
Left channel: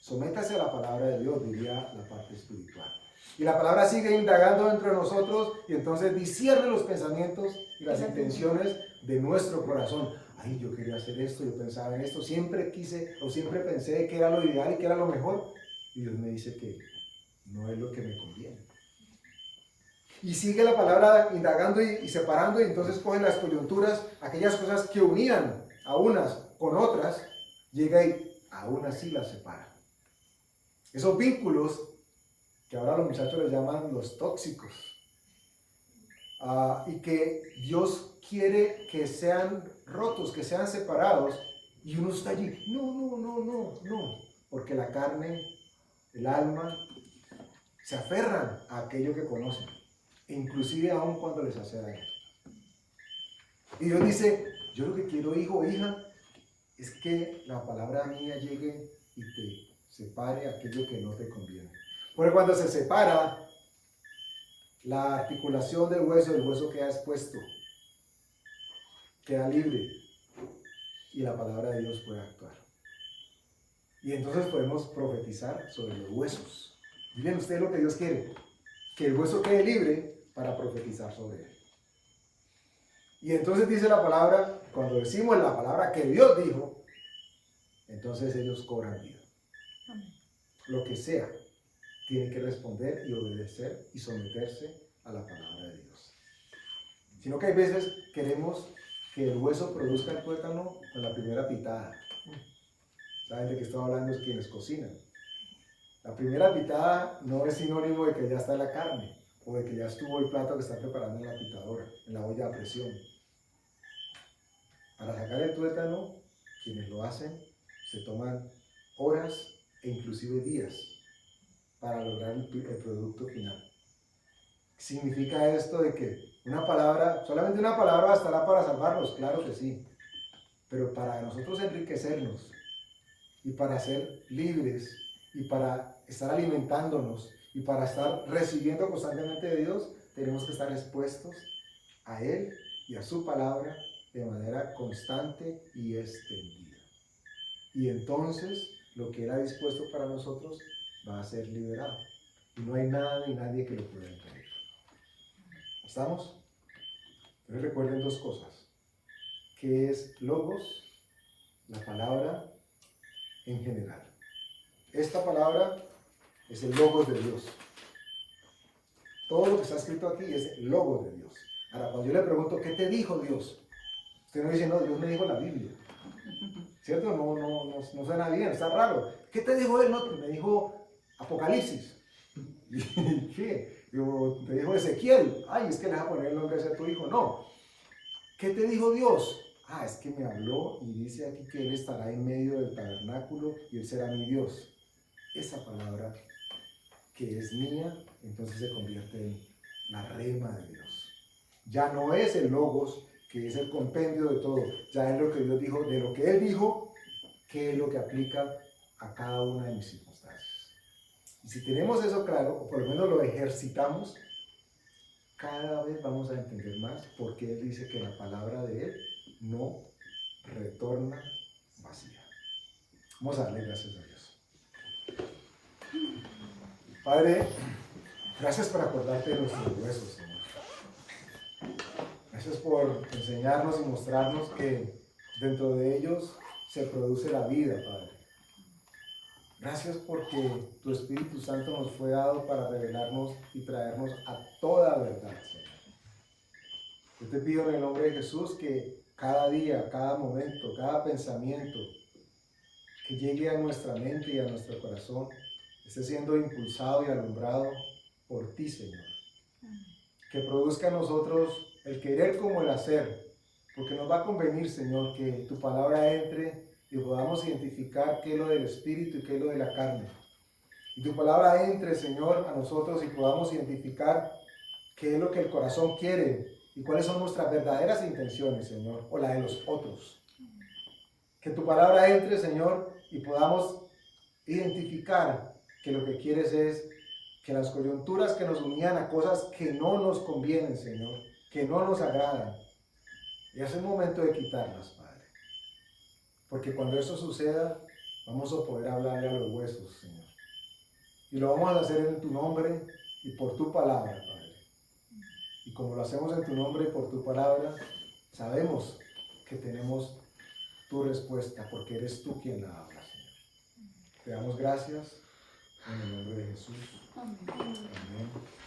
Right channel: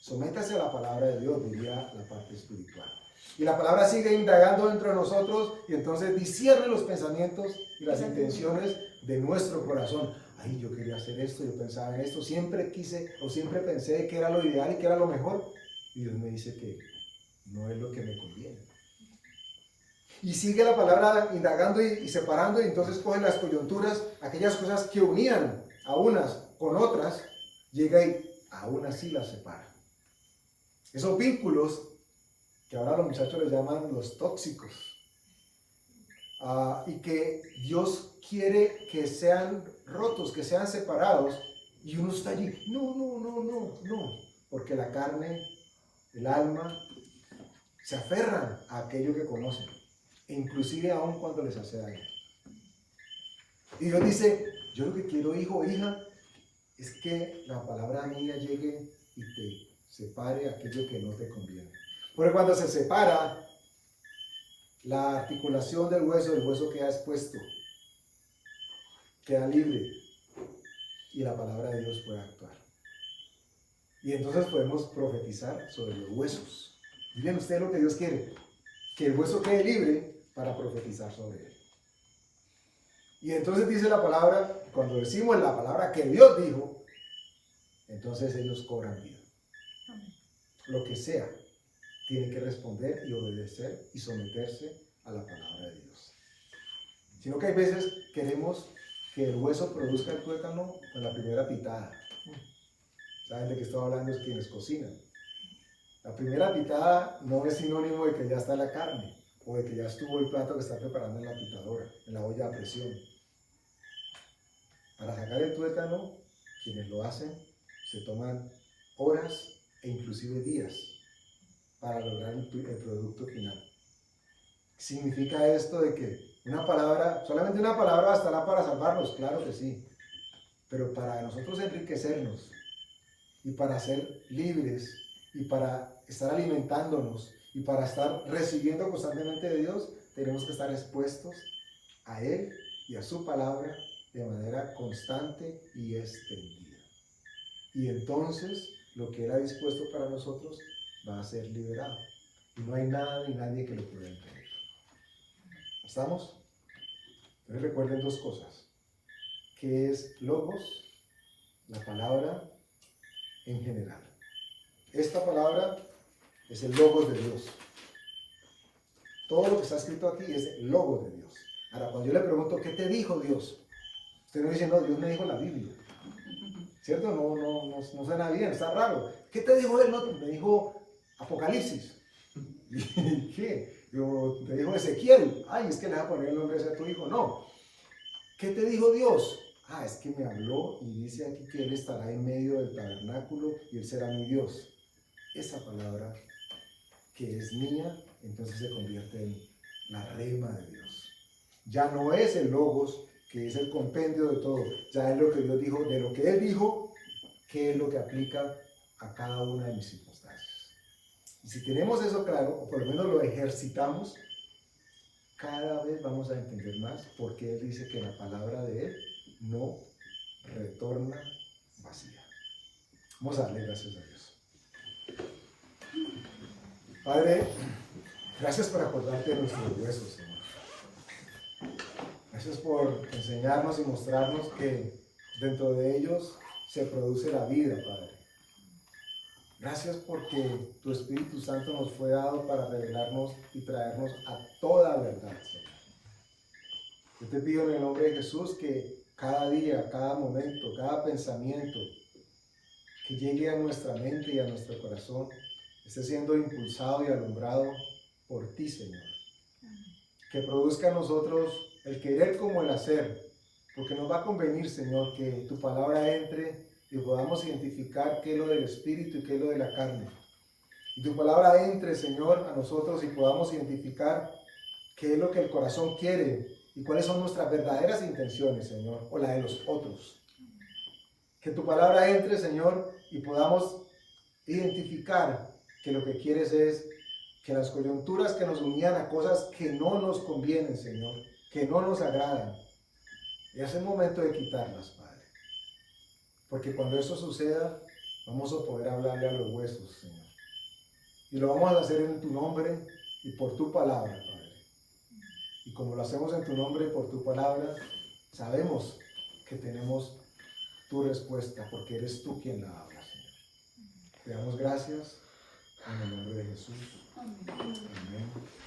Sométase a la palabra de Dios, diría la parte espiritual. Y la palabra sigue indagando dentro de nosotros y entonces discierne los pensamientos y las intenciones de nuestro corazón. Ay, yo quería hacer esto, yo pensaba en esto, siempre quise o siempre pensé que era lo ideal y que era lo mejor. Y Dios me dice que no es lo que me conviene. Y sigue la palabra indagando y separando, y entonces cogen las coyunturas, aquellas cosas que unían a unas con otras, llega y aún así las separa. Esos vínculos que ahora los muchachos les llaman los tóxicos, y que Dios quiere que sean rotos, que sean separados, y uno está allí, no, porque la carne, el alma, se aferran a aquello que conocen, inclusive aún cuando les hace daño. Y Dios dice, yo lo que quiero, hijo o hija, es que la palabra mía llegue y te separe aquello que no te conviene. Porque cuando se separa, la articulación del hueso, el hueso queda expuesto, queda libre, y la palabra de Dios puede actuar. Y entonces podemos profetizar sobre los huesos. Miren ustedes lo que Dios quiere, que el hueso quede libre para profetizar sobre él. Y entonces dice la palabra, cuando decimos la palabra que Dios dijo, entonces ellos cobran vida. Lo que sea, tienen que responder y obedecer y someterse a la palabra de Dios. Sino que hay veces queremos que el hueso produzca el tuétano con la primera pitada. ¿Saben de qué estoy hablando? Es quienes cocinan. La primera pitada no es sinónimo de que ya está la carne o de que ya estuvo el plato que está preparando en la pitadora, en la olla a presión. Para sacar el tuétano, quienes lo hacen se toman horas e inclusive días para lograr el producto final. ¿Significa esto de que una palabra, solamente una palabra bastará para salvarnos? Claro que sí, pero para nosotros enriquecernos y para ser libres y para estar alimentándonos y para estar recibiendo constantemente de Dios, tenemos que estar expuestos a Él y a su palabra de manera constante y extendida. Y entonces lo que Él ha dispuesto para nosotros va a ser liberado. Y no hay nada ni nadie que lo pueda impedir. ¿Estamos? Entonces recuerden dos cosas. ¿Qué es logos? La palabra en general. Esta palabra es el logos de Dios. Todo lo que está escrito aquí es el logos de Dios. Ahora, cuando yo le pregunto, ¿qué te dijo Dios? Usted me dice, no, Dios me dijo la Biblia. ¿Cierto? No suena bien, está raro. ¿Qué te dijo él? No, me dijo Apocalipsis. ¿Y qué? Te dijo Ezequiel. Ay, es que le vas a poner el nombre a tu hijo. No. ¿Qué te dijo Dios? Ah, es que me habló y dice aquí que Él estará en medio del tabernáculo y Él será mi Dios. Esa palabra que es mía, entonces se convierte en la rema de Dios. Ya no es el logos, que es el compendio de todo, ya es lo que Dios dijo, de lo que Él dijo, qué es lo que aplica a cada una de mis circunstancias. Y si tenemos eso claro, o por lo menos lo ejercitamos, cada vez vamos a entender más por qué Él dice que la palabra de Él no retorna vacía. Vamos a darle gracias a Dios. Padre, gracias por acordarte de nuestros huesos, Señor. Gracias por enseñarnos y mostrarnos que dentro de ellos se produce la vida, Padre. Gracias porque tu Espíritu Santo nos fue dado para revelarnos y traernos a toda verdad, Señor. Yo te pido en el nombre de Jesús que cada día, cada momento, cada pensamiento que llegue a nuestra mente y a nuestro corazón esté siendo impulsado y alumbrado por ti, Señor. Que produzca en nosotros el querer como el hacer, porque nos va a convenir, Señor, que tu palabra entre y podamos identificar qué es lo del Espíritu y qué es lo de la carne. Y tu palabra entre, Señor, a nosotros y podamos identificar qué es lo que el corazón quiere y cuáles son nuestras verdaderas intenciones, Señor, o la de los otros. Que tu palabra entre, Señor, y podamos identificar que lo que quieres es que las coyunturas que nos unían a cosas que no nos convienen, Señor, que no nos agradan, ya es el momento de quitarlas, Padre. Porque cuando eso suceda, vamos a poder hablarle a los huesos, Señor. Y lo vamos a hacer en tu nombre y por tu palabra, Padre. Y como lo hacemos en tu nombre y por tu palabra, sabemos que tenemos tu respuesta, porque eres tú quien la habla, Señor. Te damos gracias en el nombre de Jesús. Amén.